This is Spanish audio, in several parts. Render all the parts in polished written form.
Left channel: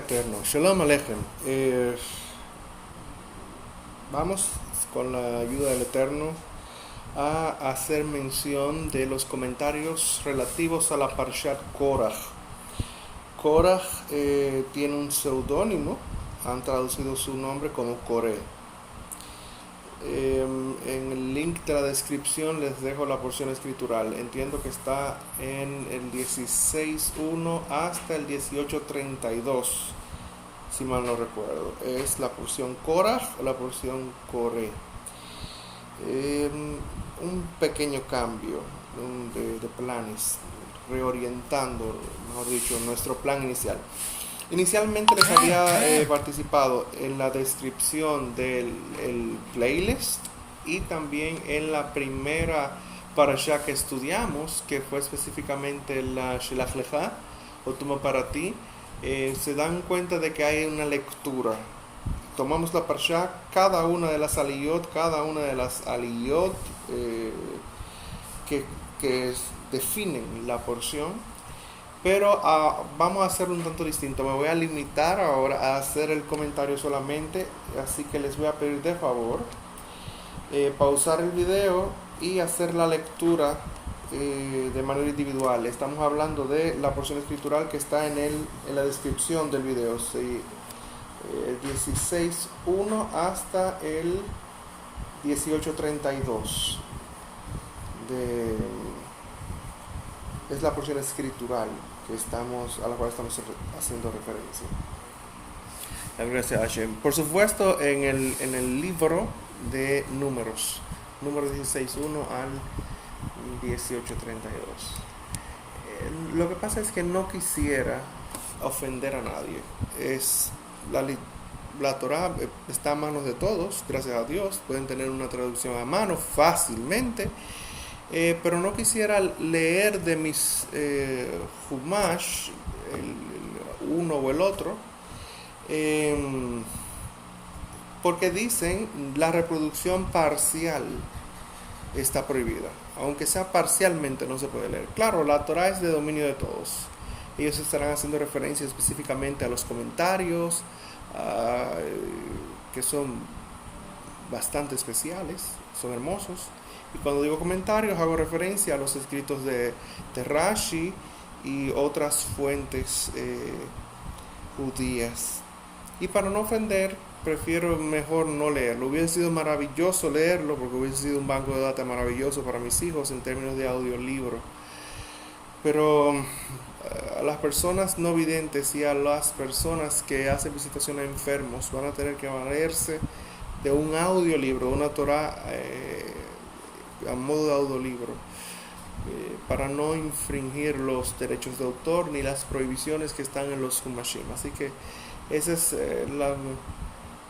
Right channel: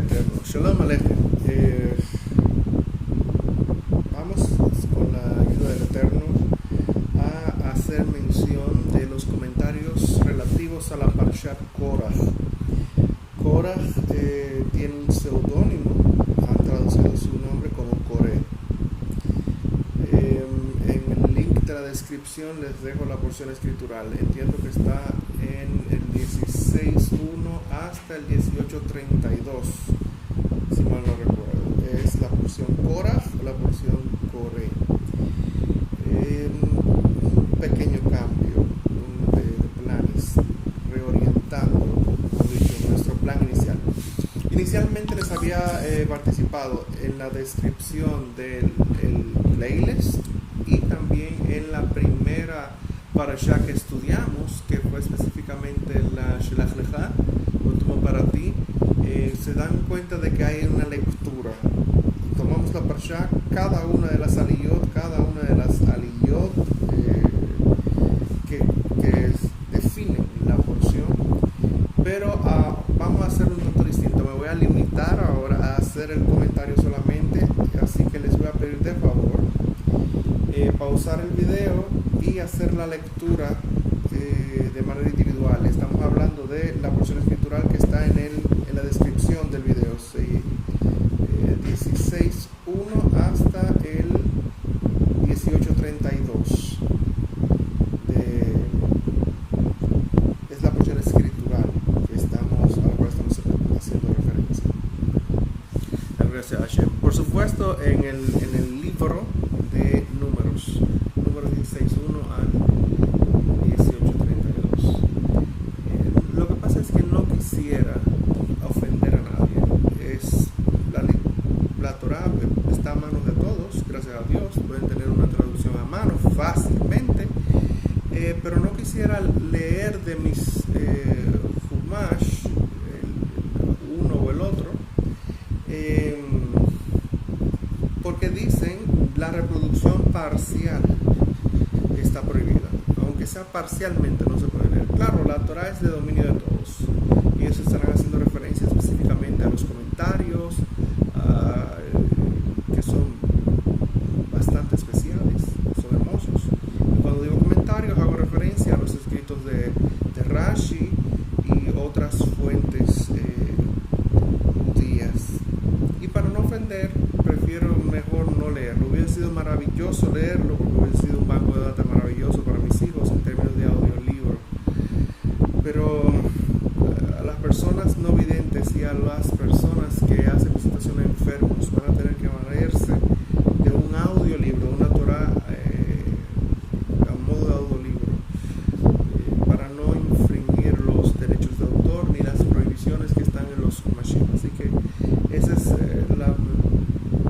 Eterno. Shalom Aleichem. Vamos, con la ayuda del Eterno, a hacer mención de los comentarios relativos a la Parshat Korach. Korach tiene un seudónimo, han traducido su nombre como Coré. En el link de la descripción les dejo la porción escritural. Entiendo que está en el 16.1 hasta el 18.32, si mal no recuerdo. Es la porción Korach o la porción Coré. Un pequeño cambio de planes, reorientando, mejor dicho, nuestro plan inicial. Inicialmente les había participado en la descripción del playlist y también en la primera parashá que estudiamos, que fue específicamente la Shelach Lecha, último para ti. Se dan cuenta de que hay una lectura. Tomamos la parashá, cada una de las aliyot que definen la porción. Pero vamos a hacer un tanto distinto. Me voy a limitar ahora a hacer el comentario solamente, así que les voy a pedir de favor pausar el video y hacer la lectura de manera individual. Estamos hablando de la porción escritural que está en la descripción del video, 16.1 hasta el 18.32. Es la porción escritural a la cual estamos haciendo referencia. La gracia a Hashem. Por supuesto, en el libro de números, número 16.1 al 18.32. Lo que pasa es que no quisiera ofender a nadie. La Torah está a manos de todos, gracias a Dios. Pueden tener una traducción a mano fácilmente. Pero no quisiera leer de mis Humash, uno o el otro, porque dicen la reproducción parcial está prohibida, aunque sea parcialmente no se puede leer. Claro, la Torah es de dominio de todos. Ellos estarán haciendo referencia específicamente a los comentarios, que son bastante especiales, son hermosos. Cuando digo comentarios hago referencia a los escritos de Rashi y otras fuentes judías. Y para no ofender, prefiero mejor no leerlo. Hubiese sido maravilloso leerlo, porque hubiese sido un banco de datos maravilloso para mis hijos en términos de audiolibro. Pero a las personas no videntes y a las personas que hacen visitación a enfermos van a tener que valerse de un audiolibro, una Torah a modo de audiolibro, para no infringir los derechos de autor ni las prohibiciones que están en los Humashim. Así que esa es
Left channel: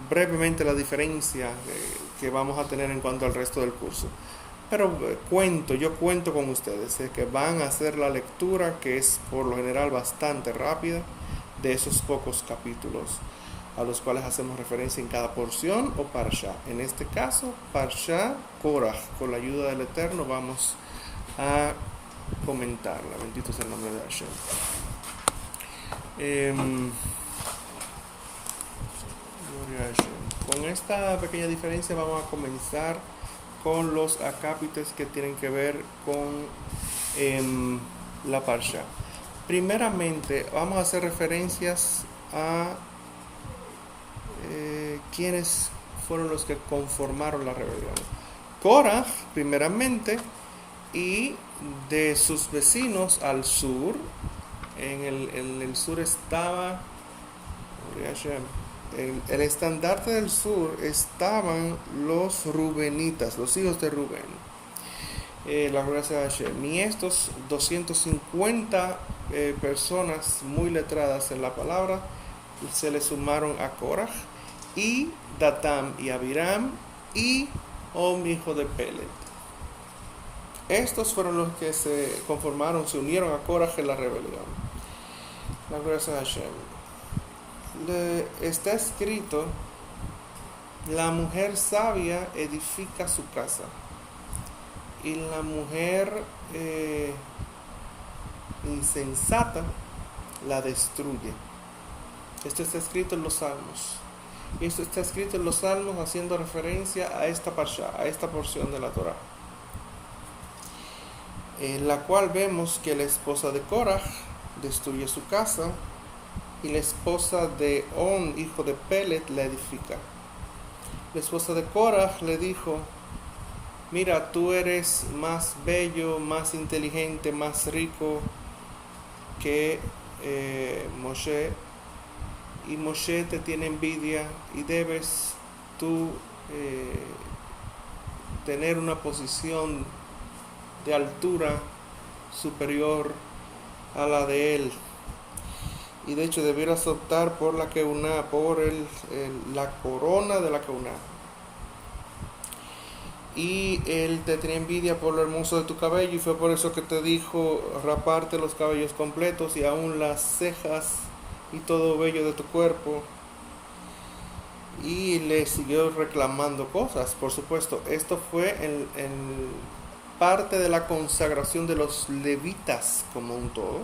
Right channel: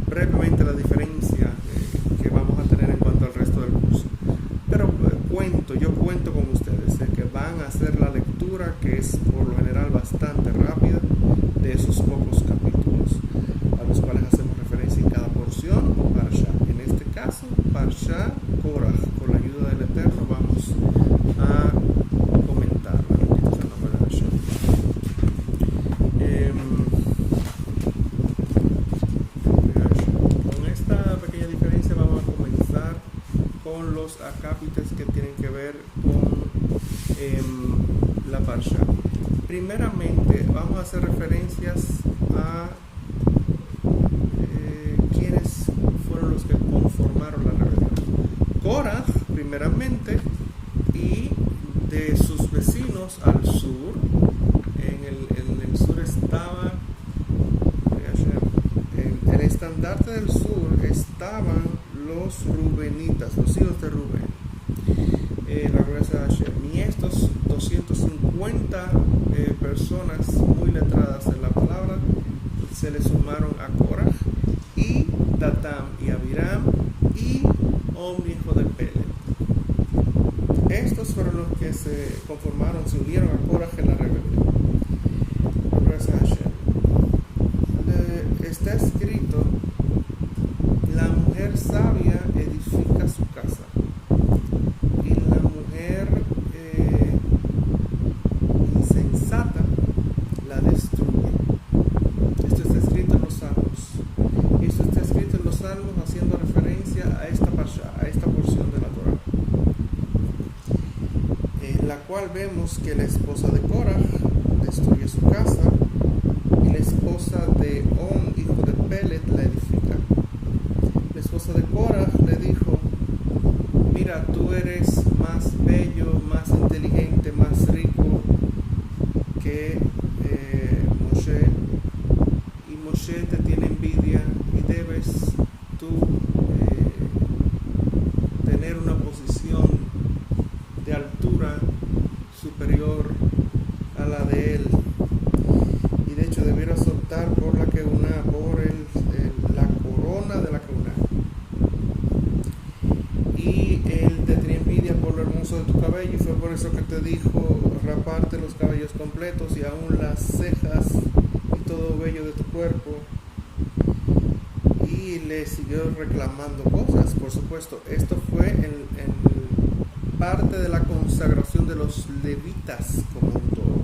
brevemente la diferencia que vamos a tener en cuanto al resto del curso. Pero yo cuento con ustedes que van a hacer la lectura, que es por lo general bastante rápida, de esos pocos capítulos a los cuales hacemos referencia en cada porción o parsha. En este caso, Parsha Korach. Con la ayuda del Eterno vamos a comentarla. Bendito sea el nombre de Hashem. Con esta pequeña diferencia vamos a comenzar con los acápites que tienen que ver con la parsha. Primeramente vamos a hacer referencias a quienes fueron los que conformaron la rebelión. Korach, primeramente, y de sus vecinos al sur. En el sur estaba el estandarte del sur, estaban los rubenitas, los hijos de Rubén. La gracia de Hashem. Y estos 250 personas muy letradas en la palabra se le sumaron a Korach, y Datam y Abiram y hijo de Pelet. Estos fueron los que se unieron a Korach en la rebelión. La gracia de Hashem. Está escrito: la mujer sabia edifica su casa y la mujer insensata la destruye. Esto esto está escrito en los Salmos. Esto está escrito en los Salmos haciendo referencia a esta parsha, a esta porción de la Torah, en la cual vemos que la esposa de Korah destruye su casa y la esposa de On, hijo de Pelet, la edifica. La esposa de Korah le dijo: mira, tú eres más bello, más inteligente, más rico que Moshe, y Moshe te tiene envidia y debes tú tener una posición de altura superior a la de él, y de hecho debieras optar por la Keuná, por la corona de la Keuná. Y él te tenía envidia por lo hermoso de tu cabello, y fue por eso que te dijo: raparte los cabellos completos y aún las cejas y todo vello de tu cuerpo. Y le siguió reclamando cosas. Por supuesto, esto fue en parte de la consagración de los levitas como un todo.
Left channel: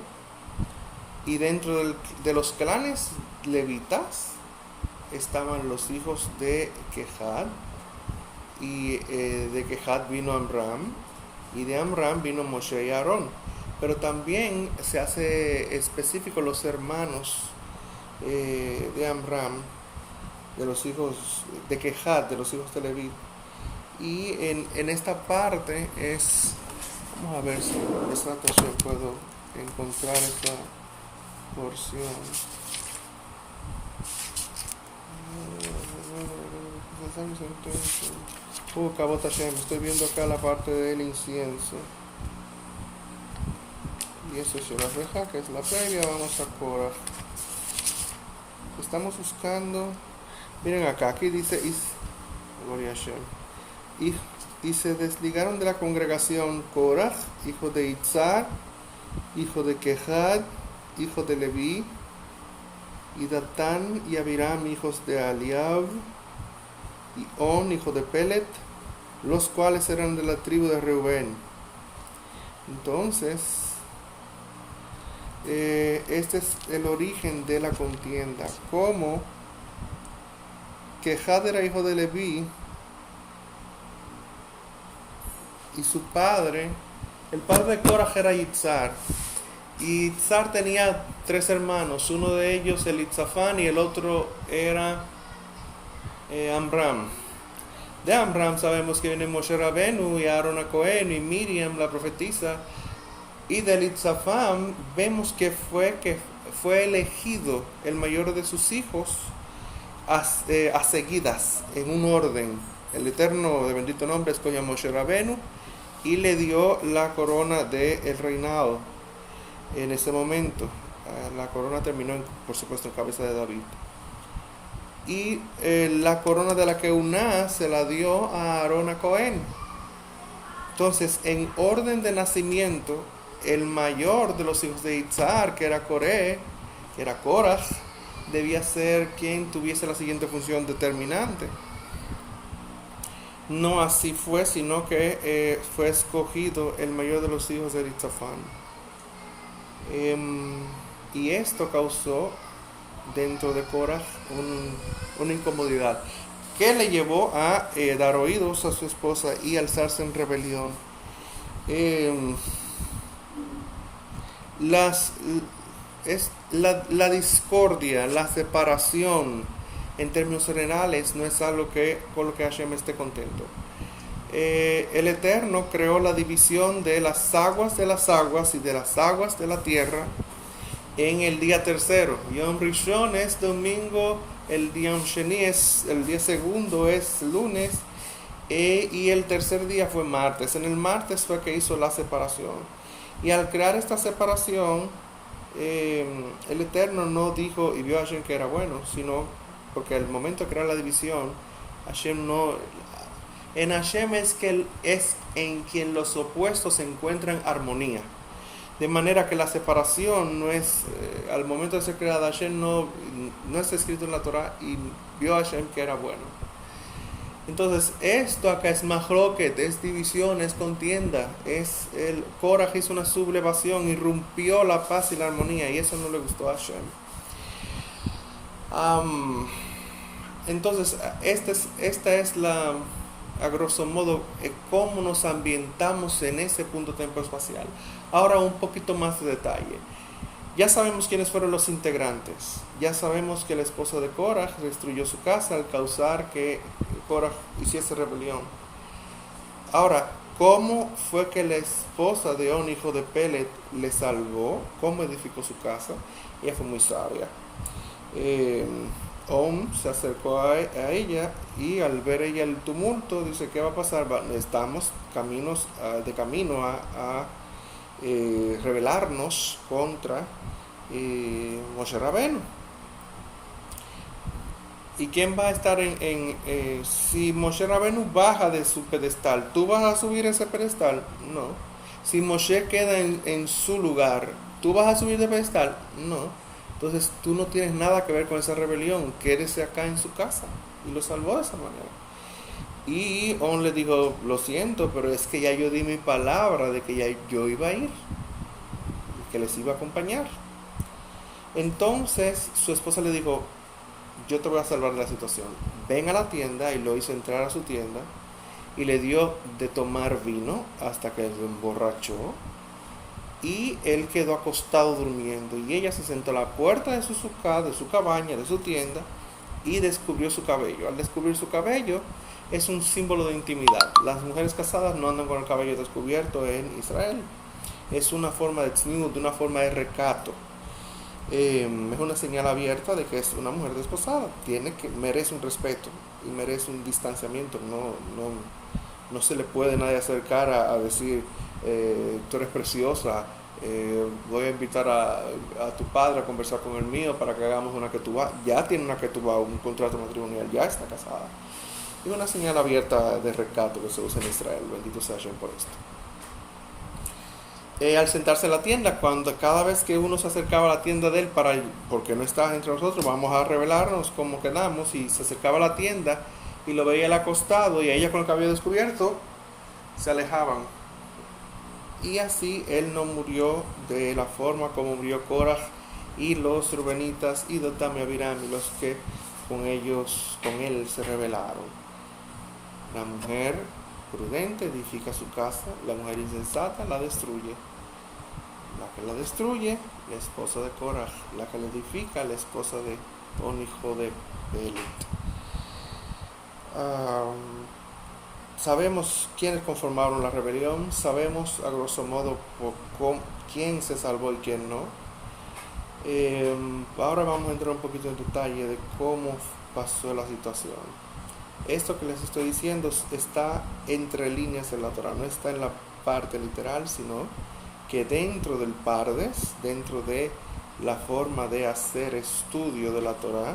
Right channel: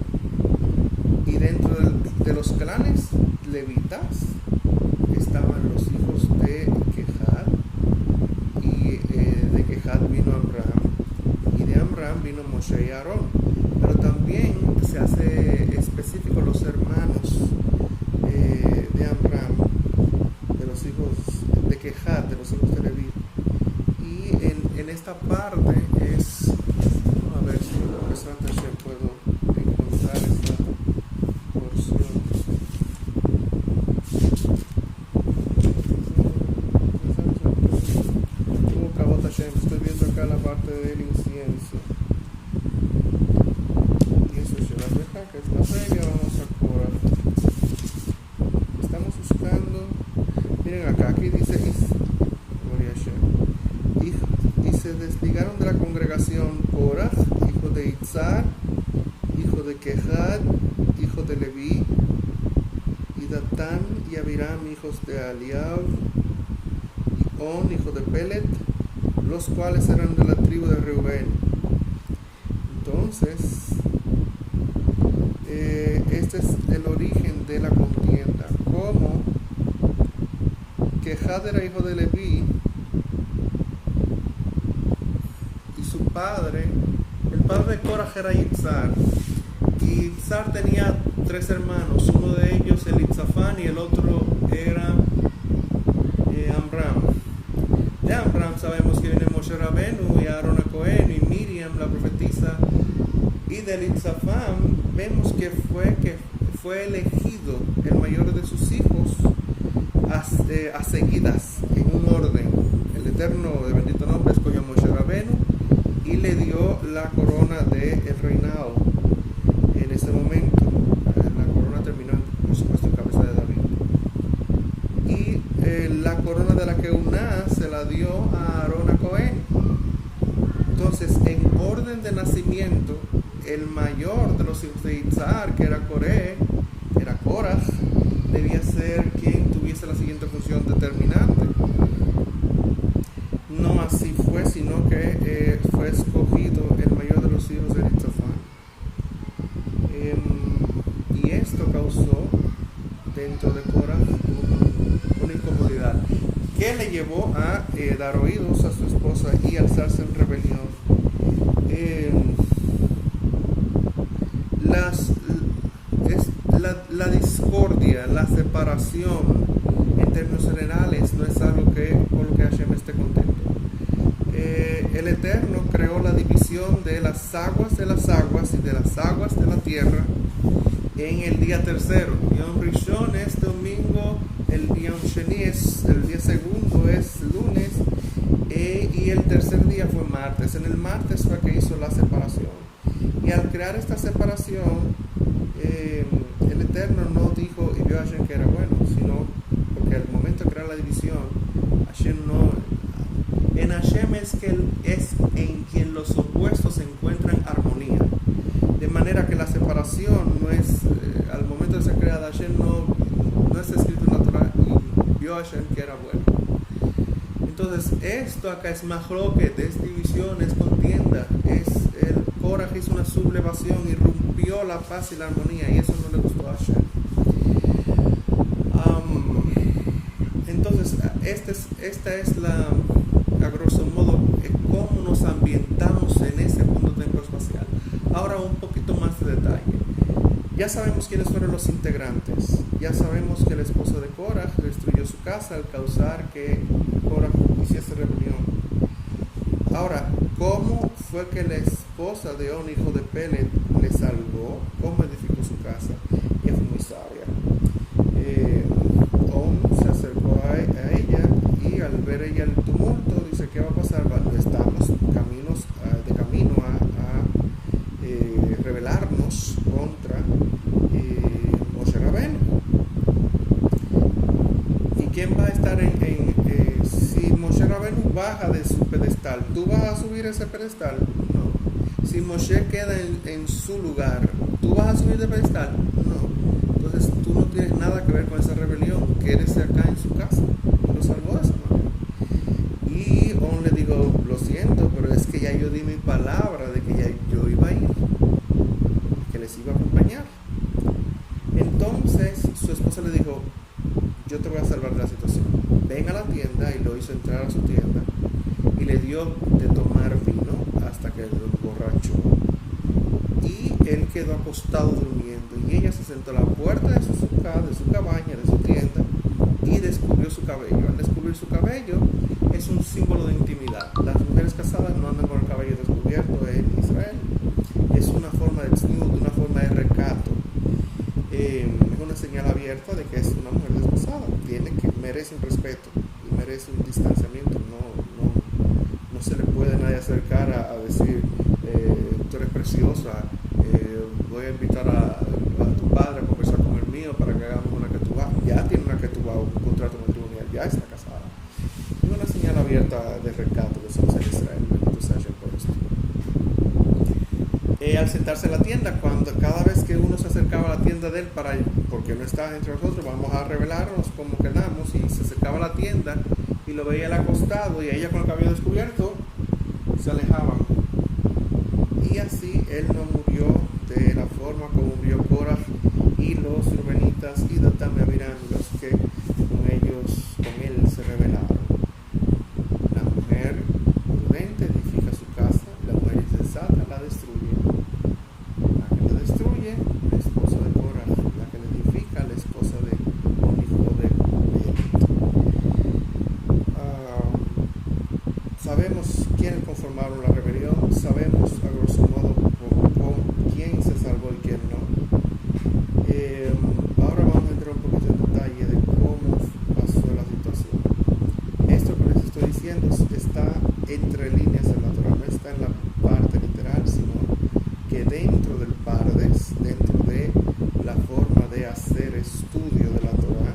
Y dentro de los clanes levitas estaban los hijos de Kehat, y de Kehat vino Amram, y de Amram vino Moshe y Aarón. Pero también se hace específico los hermanos de Amram, de los hijos de Kehat, de los hijos de Leví. Y en esta parte es, a ver si puedo encontrar esta porción. Kabot Hashem, estoy viendo acá la parte del incienso. Y eso es la reja, que es la previa. Vamos a Korah. Estamos buscando. Miren acá, aquí dice: Gloria a Hashem. Y se desligaron de la congregación Korah, hijo de Itzar, hijo de Kehat, hijo de Leví, y Datán y Abiram, hijos de Eliab, y On, hijo de Pelet, los cuales eran de la tribu de Reubén. Entonces, este es el origen de la contienda. Como Kehat era hijo de Leví, y su padre, el padre de Korah era Itzar, y Itzar tenía 3 hermanos, uno de ellos Elitzafán y el otro era Amram. De Amram sabemos que viene Moshe Rabenu y Aarón Cohen y Miriam la profetisa, y de Elitzafán vemos que fue elegido el mayor de sus hijos a seguidas, en un orden. El Eterno de bendito nombre escogió a Moshe Rabenu y le dio la corona del reinado. En ese momento la corona terminó por supuesto en cabeza de David, y la corona de la Keuná se la dio a Aarón a Cohen. Entonces, en orden de nacimiento, el mayor de los hijos de Itzar, que era Korah, debía ser quien tuviese la siguiente función determinante. No así fue, sino que fue escogido el mayor de los hijos de Elitzafán. Y esto causó dentro de Korah una incomodidad que le llevó a dar oídos a su esposa y alzarse en rebelión. La discordia, la separación en términos generales no es algo con lo que Hashem esté contento. El Eterno creó la división de las aguas y de las aguas de la tierra en el día tercero. Yom Rishon es domingo, el Yom Sheni es el día segundo, es lunes, y el tercer día fue martes. En el martes fue que hizo la separación. Y al crear esta separación, el Eterno no dijo y vio a Hashem que era bueno, sino porque al momento de crear la división, Hashem no... En Hashem es en quien los opuestos se encuentran armonía. De manera que la separación no es, al momento de ser creada, Hashem no está escrito en la Torah, y vio a Hashem que era bueno. Entonces, esto acá es mahloket, es división, es contienda, el Korah hizo una sublevación, irrumpió la paz y la armonía, y eso no le gustó a Hashem. Am, entonces, esta es la, a grosso modo, cómo nos ambientamos en ese punto temporal-espacial. Ahora un poquito más de detalle. Ya sabemos quiénes fueron los integrantes. Ya sabemos que el esposo de Korah destruyó su casa al causar que Korah hiciese rebelión. Ahora, ¿cómo fue que la esposa de On, hijo de Pelet, le salvó? ¿Cómo edificó su casa? Ella fue muy sabia. On se acercó a ella y al ver ella el tumulto, dice, ¿qué va a pasar? Estamos de camino a rebelarnos contra Moshe Rabbeinu. ¿Y quién va a estar si Moshe Rabbeinu baja de su pedestal, ¿tú vas a subir ese pedestal? No. Si Moshe queda en su lugar, ¿tú vas a subir de pedestal? No. Entonces tú no tienes nada que ver con esa rebelión, quédese acá en su casa. Y lo salvó de esa manera. Y On le dijo, lo siento, pero es que ya yo di mi palabra de que ya yo iba a ir, que les iba a acompañar. Entonces su esposa le dijo, yo te voy a salvar de la situación. Ven a la tienda, y lo hizo entrar a su tienda y le dio de tomar vino hasta que se emborrachó. Y él quedó acostado durmiendo y ella se sentó a la puerta de su cabaña, de su tienda, y descubrió su cabello. Al descubrir su cabello es un símbolo de intimidad. Las mujeres casadas no andan con el cabello descubierto en Israel. Es una forma de tzniut, una forma de recato. Es una señal abierta de que es una mujer desposada. Merece un respeto y merece un distanciamiento. No se le puede nadie acercar a decir, tú eres preciosa, voy a invitar a tu padre a conversar con el mío para que hagamos una ketubá. Ya tiene una ketubá, un contrato matrimonial, ya está casada. Y una señal abierta de recato que se usa en Israel. Bendito sea Hashem por esto. Al sentarse en la tienda, cada vez que uno se acercaba a la tienda de él, porque no estaba entre nosotros, vamos a revelarnos cómo quedamos, y se acercaba a la tienda y lo veía él acostado y ella con el cabello descubierto, se alejaban. Y así él no murió de la forma como murió Korah y los Rubenitas y Datán y Abiram, y los que con él se rebelaron. La mujer prudente edifica su casa, la mujer insensata la destruye. La que la destruye, la esposa de Korah; la que la edifica, la esposa de On, hijo de Pelet. Sabemos quiénes conformaron la rebelión, sabemos a grosso modo quién se salvó y quién no. Ahora vamos a entrar un poquito en detalle de cómo pasó la situación. Esto que les estoy diciendo está entre líneas de la Torah, no está en la parte literal, sino que dentro del Pardes, dentro de la forma de hacer estudio de la Torah,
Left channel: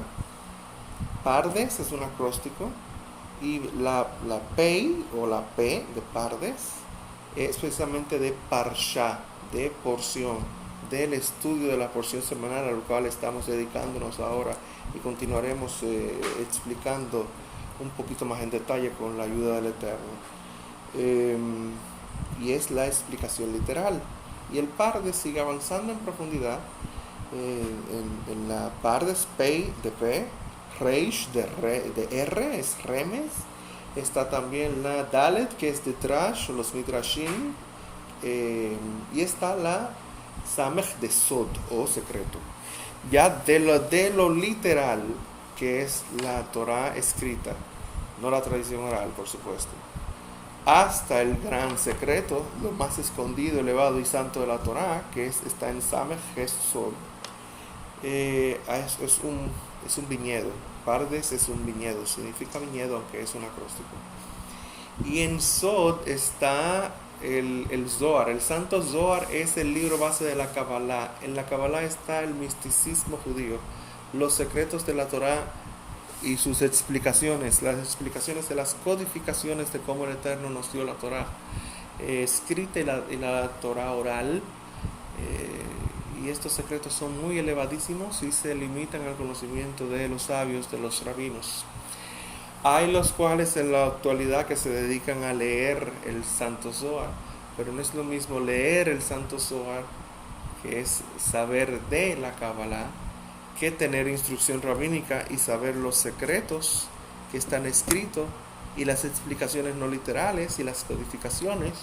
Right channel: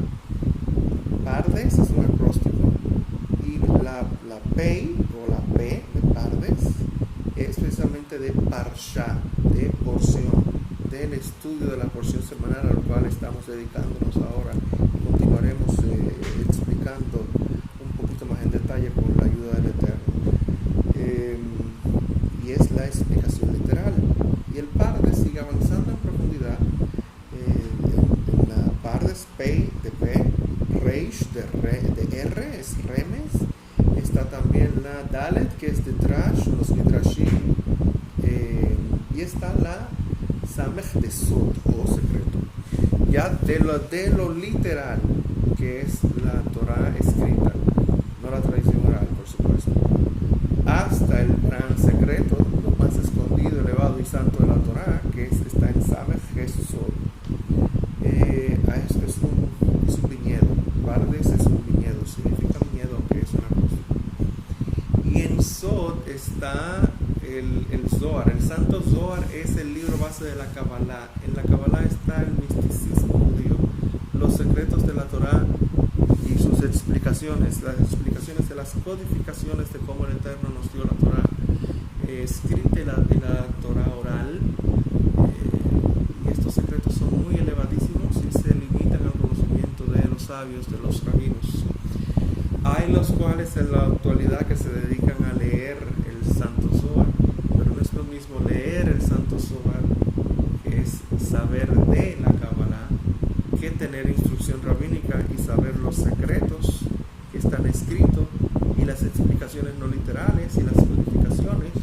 Pardes es un acróstico, y la Pei o la P de Pardes es precisamente de Parsha, de porción, del estudio de la porción semanal a lo cual estamos dedicándonos ahora, y continuaremos explicando un poquito más en detalle con la ayuda del Eterno. Y es la explicación literal. Y el Pardes sigue avanzando en profundidad. En la Pardes Pei de P, Reish de R, es Remes. Está también la Dalet, que es de Trash, los Midrashim. Y está la Samech de Sod, o secreto. Ya de lo literal, que es la Torah escrita, no la tradición oral, por supuesto, hasta el gran secreto, lo más escondido, elevado y santo de la Torah, que está en Samech Sod. Es un viñedo. Pardes es un viñedo, significa viñedo, aunque es un acróstico. Y en Sod está el Zohar. El Santo Zohar es el libro base de la Kabbalah. En la Kabbalah está el misticismo judío, los secretos de la Torah y sus explicaciones, las explicaciones de las codificaciones de cómo el Eterno nos dio la Torah, escrita en la Torah oral. Y estos secretos son muy elevadísimos y se limitan al conocimiento de los sabios, de los rabinos. Hay los cuales en la actualidad que se dedican a leer el Santo Zohar, pero no es lo mismo leer el Santo Zohar, que es saber de la Kabbalah, que tener instrucción rabínica y saber los secretos que están escritos y las explicaciones no literales y las codificaciones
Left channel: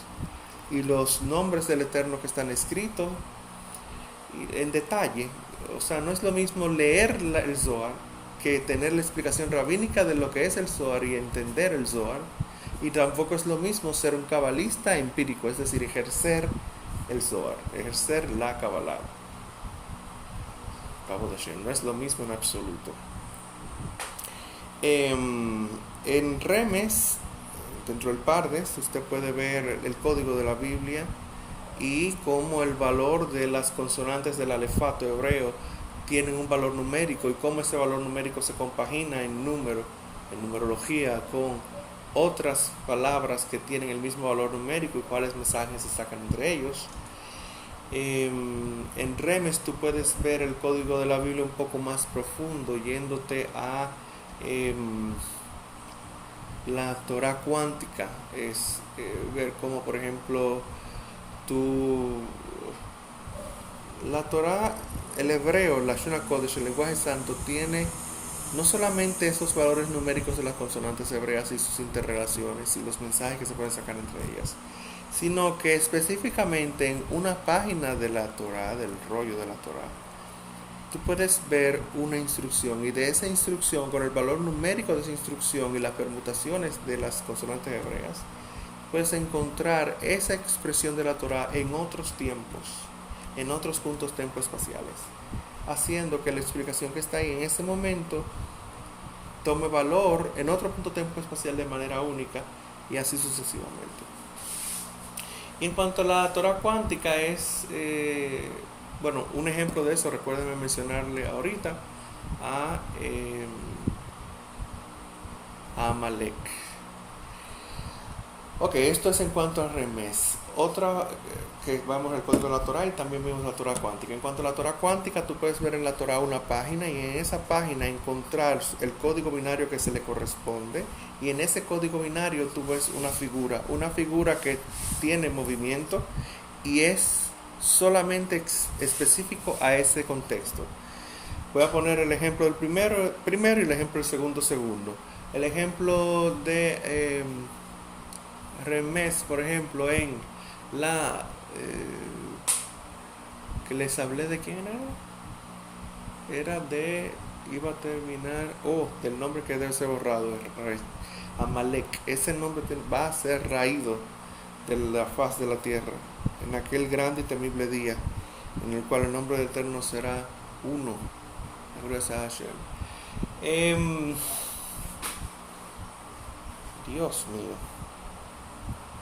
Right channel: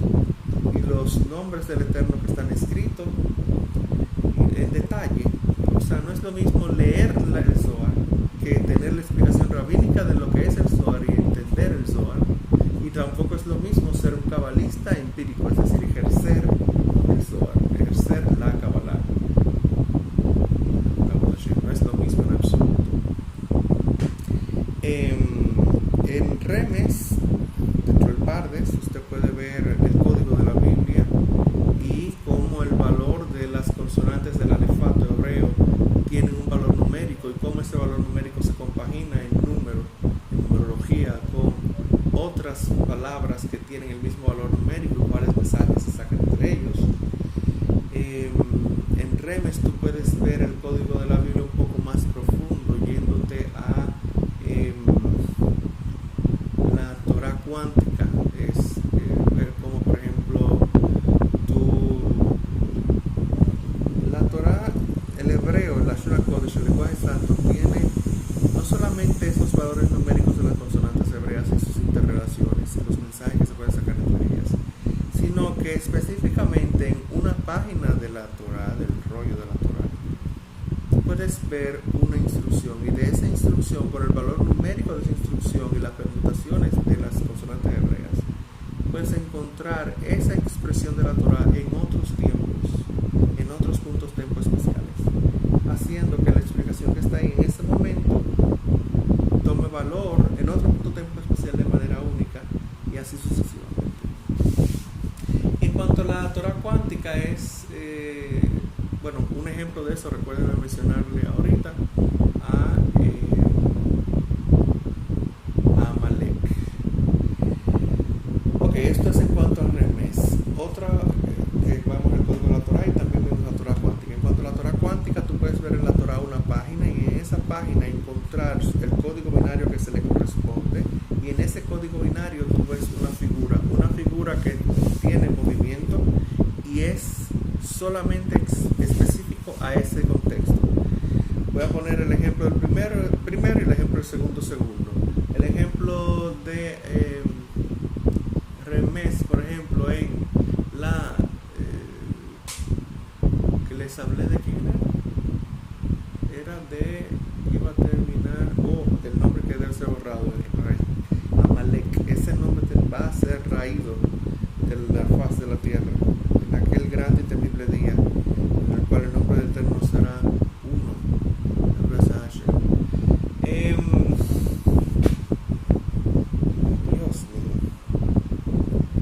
y los nombres del Eterno que están escritos en detalle. O sea, no es lo mismo leer el Zohar que tener la explicación rabínica de lo que es el Zohar y entender el Zohar. Y tampoco es lo mismo ser un cabalista empírico, es decir, ejercer el Zohar, ejercer la Kabbalah. No es lo mismo en absoluto. En Remes, dentro del Pardes, usted puede ver el código de la Biblia y cómo el valor de las consonantes del alefato hebreo tienen un valor numérico y cómo ese valor numérico se compagina en número, en numerología, con otras palabras que tienen el mismo valor numérico y cuáles mensajes se sacan entre ellos. En Remes tú puedes ver el código de la Biblia un poco más profundo, yéndote a la Torah cuántica. Es ver cómo, por ejemplo, la Torah, el hebreo, la Shona Kodesh, el lenguaje santo, tiene no solamente esos valores numéricos de las consonantes hebreas y sus interrelaciones y los mensajes que se pueden sacar entre ellas, sino que específicamente en una página de la Torah, del rollo de la Torah, tú puedes ver una instrucción y de esa instrucción, con el valor numérico de esa instrucción y las permutaciones de las consonantes hebreas, puedes encontrar esa expresión de la Torah en otros tiempos, en otros puntos tiempo espaciales, haciendo que la explicación que está ahí en ese momento tome valor en otro punto tiempo espacial de manera única y así sucesivamente. En cuanto a la Torah cuántica es, un ejemplo de eso, recuérdenme mencionarle ahorita a Amalek. Ok, esto es en cuanto al Remes. Otra, que vamos al código de la Torah y también vemos la Torah cuántica. En cuanto a la Torah cuántica, tú puedes ver en la Torah una página y en esa página encontrar el código binario que se le corresponde, y en ese código binario tú ves una figura que tiene movimiento y es solamente específico a ese contexto. Voy a poner el ejemplo del primero y el ejemplo del segundo. El ejemplo de Remes, por ejemplo, en la que les hablé de quién era iba a terminar, el nombre que debe ser borrado, Amalek. Ese nombre va a ser raído de la faz de la tierra en aquel grande y temible día en el cual el nombre del Eterno será uno. Dios mío,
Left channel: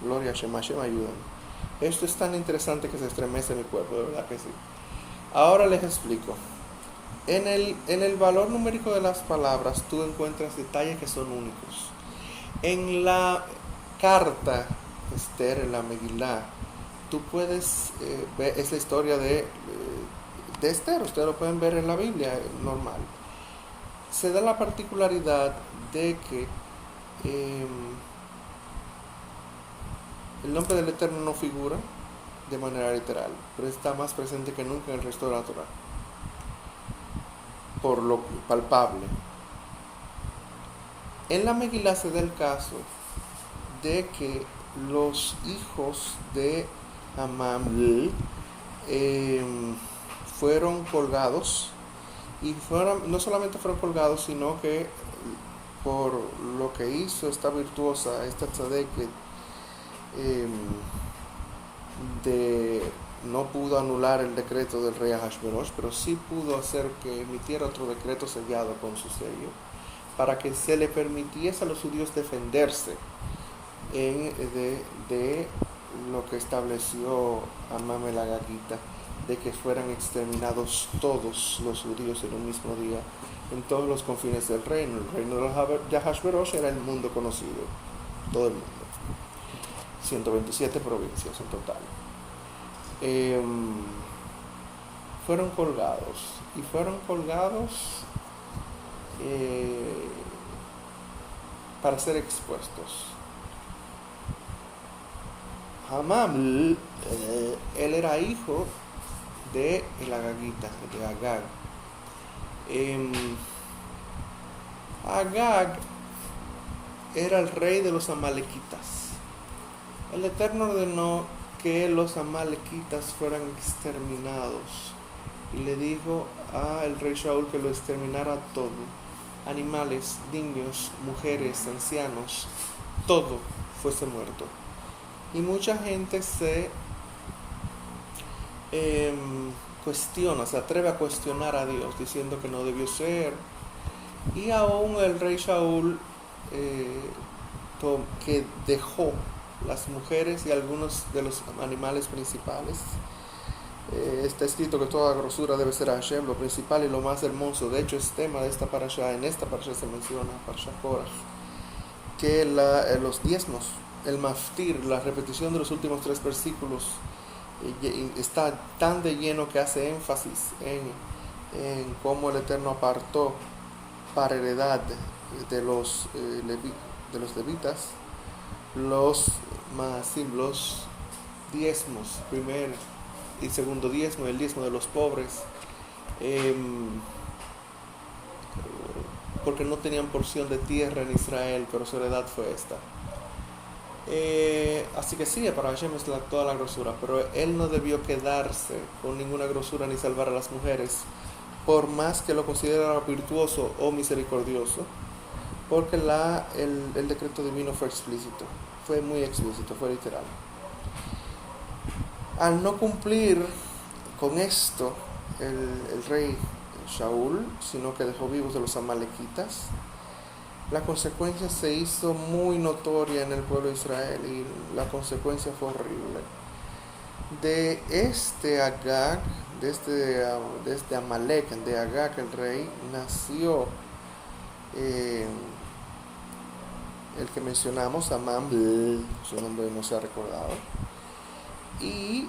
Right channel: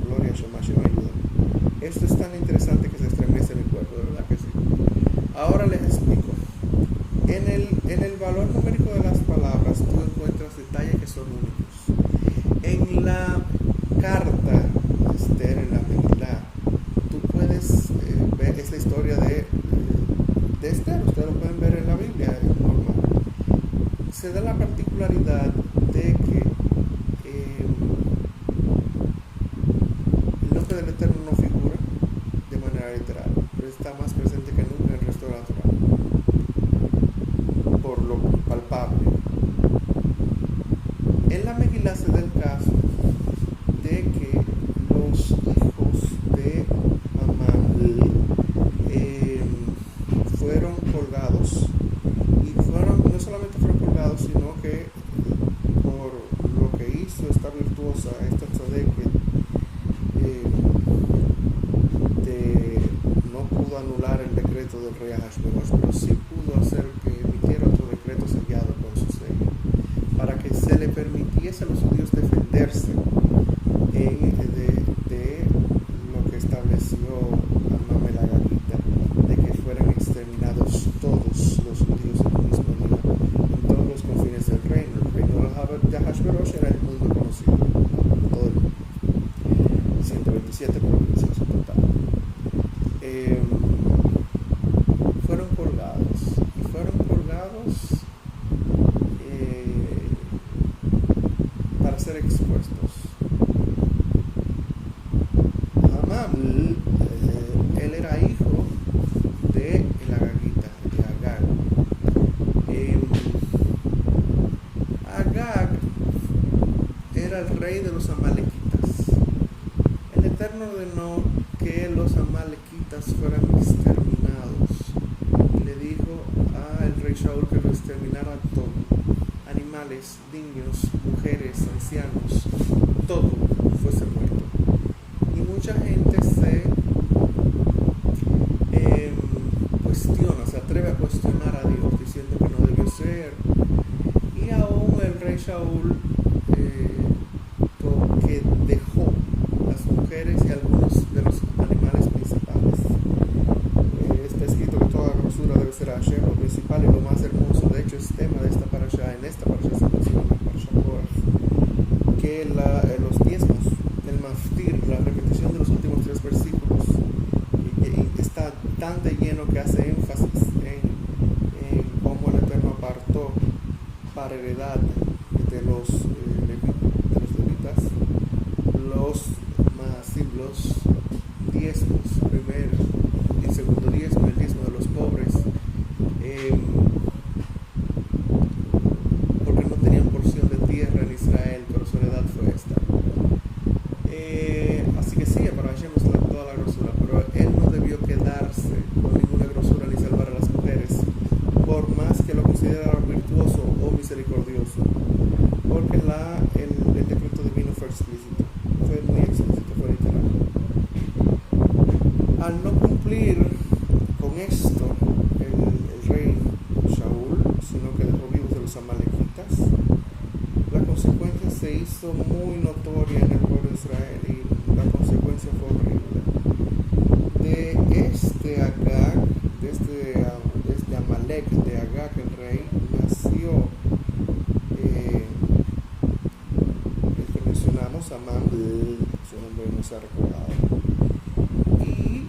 gloria a Shema, ayuda. Esto es tan interesante que se estremece mi cuerpo, de verdad que sí. Ahora les explico. En el valor numérico de las palabras tú encuentras detalles que son únicos. En la carta Esther, en la Megilá, tú puedes ver, es la historia de Esther, ustedes lo pueden ver en la Biblia, normal. Se da la particularidad de que el nombre del Eterno no figura de manera literal, pero está más presente que nunca en el resto de la Torah, por lo palpable. En la Megilá se da el caso de que los hijos de Amam fueron colgados, y no solamente fueron colgados, sino que por lo que hizo esta virtuosa, esta tzadek, no pudo anular el decreto del rey Ahasverosh, pero sí pudo hacer que emitiera otro decreto sellado con su sello, para que se le permitiese a los judíos defenderse de lo que estableció Amam el Agagita, de que fueran exterminados todos los judíos en un mismo día, en todos los confines del reino. El reino de Ahasverosh era el mundo conocido, todo el mundo. 127 provincias en total. Fueron colgados para ser expuestos. Hamam, él era hijo de el Agagita, de Agag. Agag era el rey de los amalequitas. El Eterno ordenó que los amalequitas fueran exterminados y le dijo al rey Shaul que lo exterminara todo: animales, niños, mujeres, ancianos, todo fuese muerto. Y mucha gente se se atreve a cuestionar a Dios diciendo que no debió ser. Y aún el rey Shaul que dejó las mujeres y algunos de los animales principales. Está escrito que toda grosura debe ser a Hashem, lo principal y lo más hermoso. De hecho es tema de esta parasha. En esta parasha se menciona, parasha Korach, que los diezmos, el maftir, la repetición de los últimos 3 versículos, está tan de lleno que hace énfasis en cómo el Eterno apartó para heredad de los levitas los diezmos, primer y segundo diezmo, el diezmo de los pobres, porque no tenían porción de tierra en Israel, pero su heredad fue esta. Así que sí, para Hashem es toda la grosura, pero él no debió quedarse con ninguna grosura ni salvar a las mujeres, por más que lo considerara virtuoso o misericordioso, porque el decreto divino fue explícito, fue muy explícito, fue literal. Al no cumplir con esto el rey Shaul, sino que dejó vivos de los amalequitas, la consecuencia se hizo muy notoria en el pueblo de Israel y la consecuencia fue horrible. De este Agag, de este Amalek, de Agag el rey, nació el que mencionamos, Amán, su nombre no se ha recordado. Y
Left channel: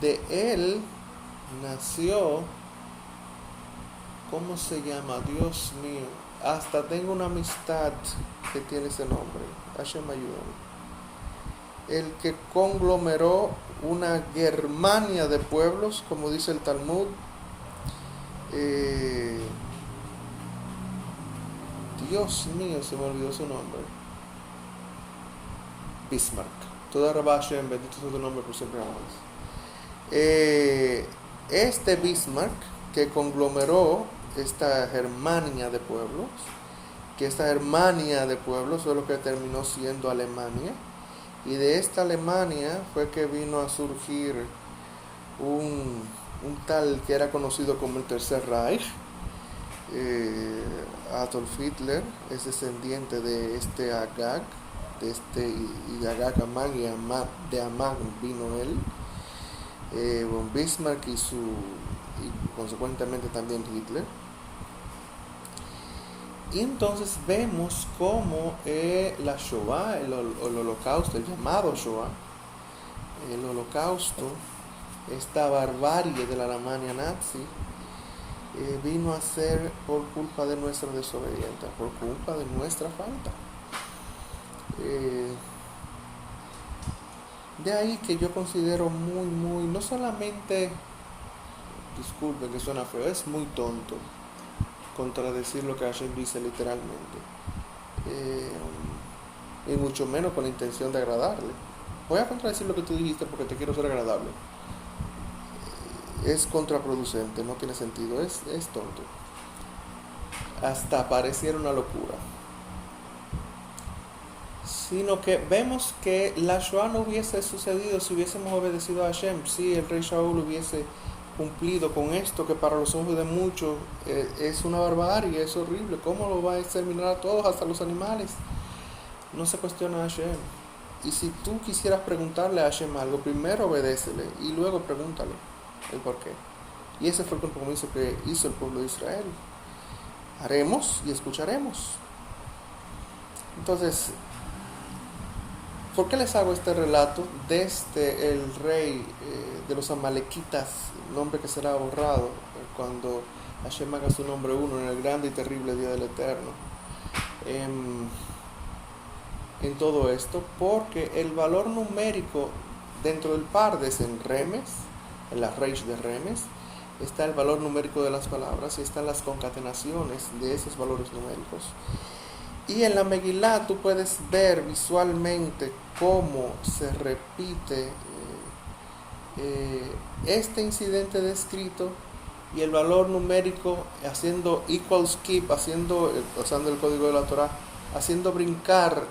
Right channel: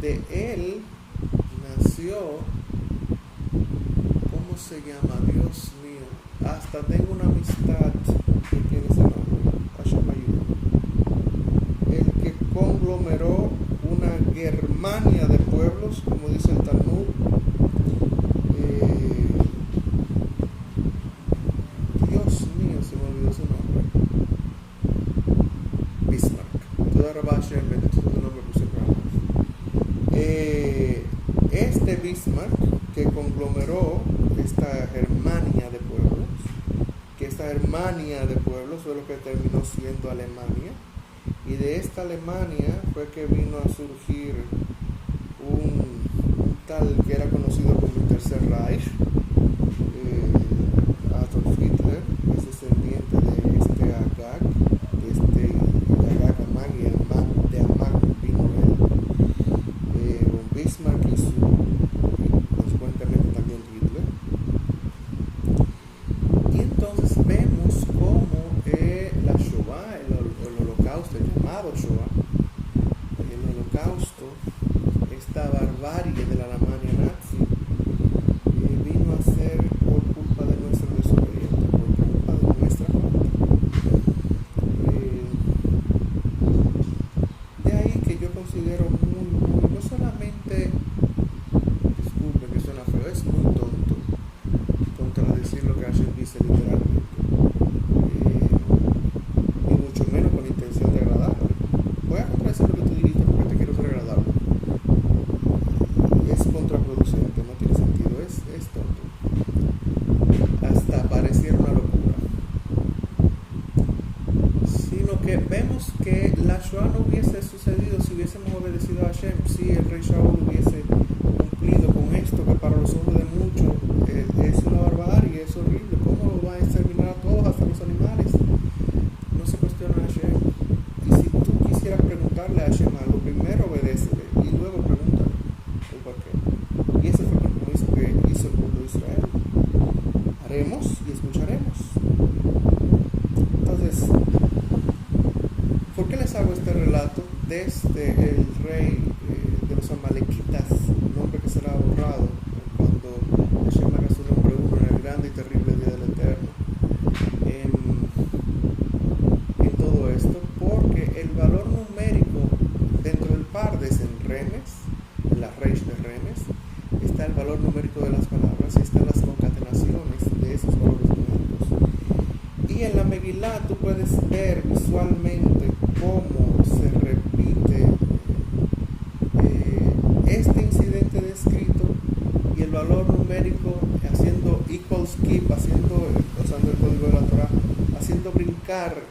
de él nació, ¿cómo se llama? Dios mío, hasta tengo una amistad que tiene ese nombre, Hashem ayuda. El que conglomeró una Germania de pueblos, como dice el Talmud. Dios mío, se me olvidó su nombre. Bismarck. Toda Rabba Hashem, bendito sea tu nombre por siempre jamás. Este Bismarck, que conglomeró esta Germania de pueblos, que esta Germania de pueblos fue lo que terminó siendo Alemania, y de esta Alemania fue que vino a surgir un tal que era conocido como el Tercer Reich. Adolf Hitler es descendiente de este Agag, de Agag Amán, y de Amán vino él, Bismarck y consecuentemente también Hitler. Y entonces vemos cómo la Shoah, el holocausto, el llamado Shoah, el holocausto, esta barbarie de la Alemania nazi, vino a ser por culpa de nuestra desobediencia, por culpa de nuestra falta. De ahí que yo considero muy, no solamente, disculpen que suena feo, es muy tonto contradecir lo que Hashem dice literalmente, y mucho menos con la intención de agradarle. Voy a contradecir lo que tú dijiste porque te quiero ser agradable. Es contraproducente, no tiene sentido, es tonto. Hasta pareciera una locura. Sino que vemos que la Shoah no hubiese sucedido si hubiésemos obedecido a Hashem, si el rey Shaul hubiese cumplido con esto, que para los ojos de muchos es una barbarie, es horrible. ¿Cómo lo va a exterminar a todos, hasta los animales? No se cuestiona a Hashem. Y si tú quisieras preguntarle a Hashem algo, primero obedécele y luego pregúntale el por qué. Y ese fue el compromiso que hizo el pueblo de Israel. Haremos y escucharemos. Entonces, ¿por qué les hago este relato desde el rey de los amalequitas, nombre que será borrado cuando Hashem haga su nombre uno en el grande y terrible día del Eterno? En todo esto, porque el valor numérico dentro del Pardes en Remes, en la Reish de Remes, está el valor numérico de las palabras y están las concatenaciones de esos valores numéricos. Y en la Megilá tú puedes ver visualmente cómo se repite este incidente descrito y el valor numérico haciendo equals keep, usando el código de la Torah, haciendo brincar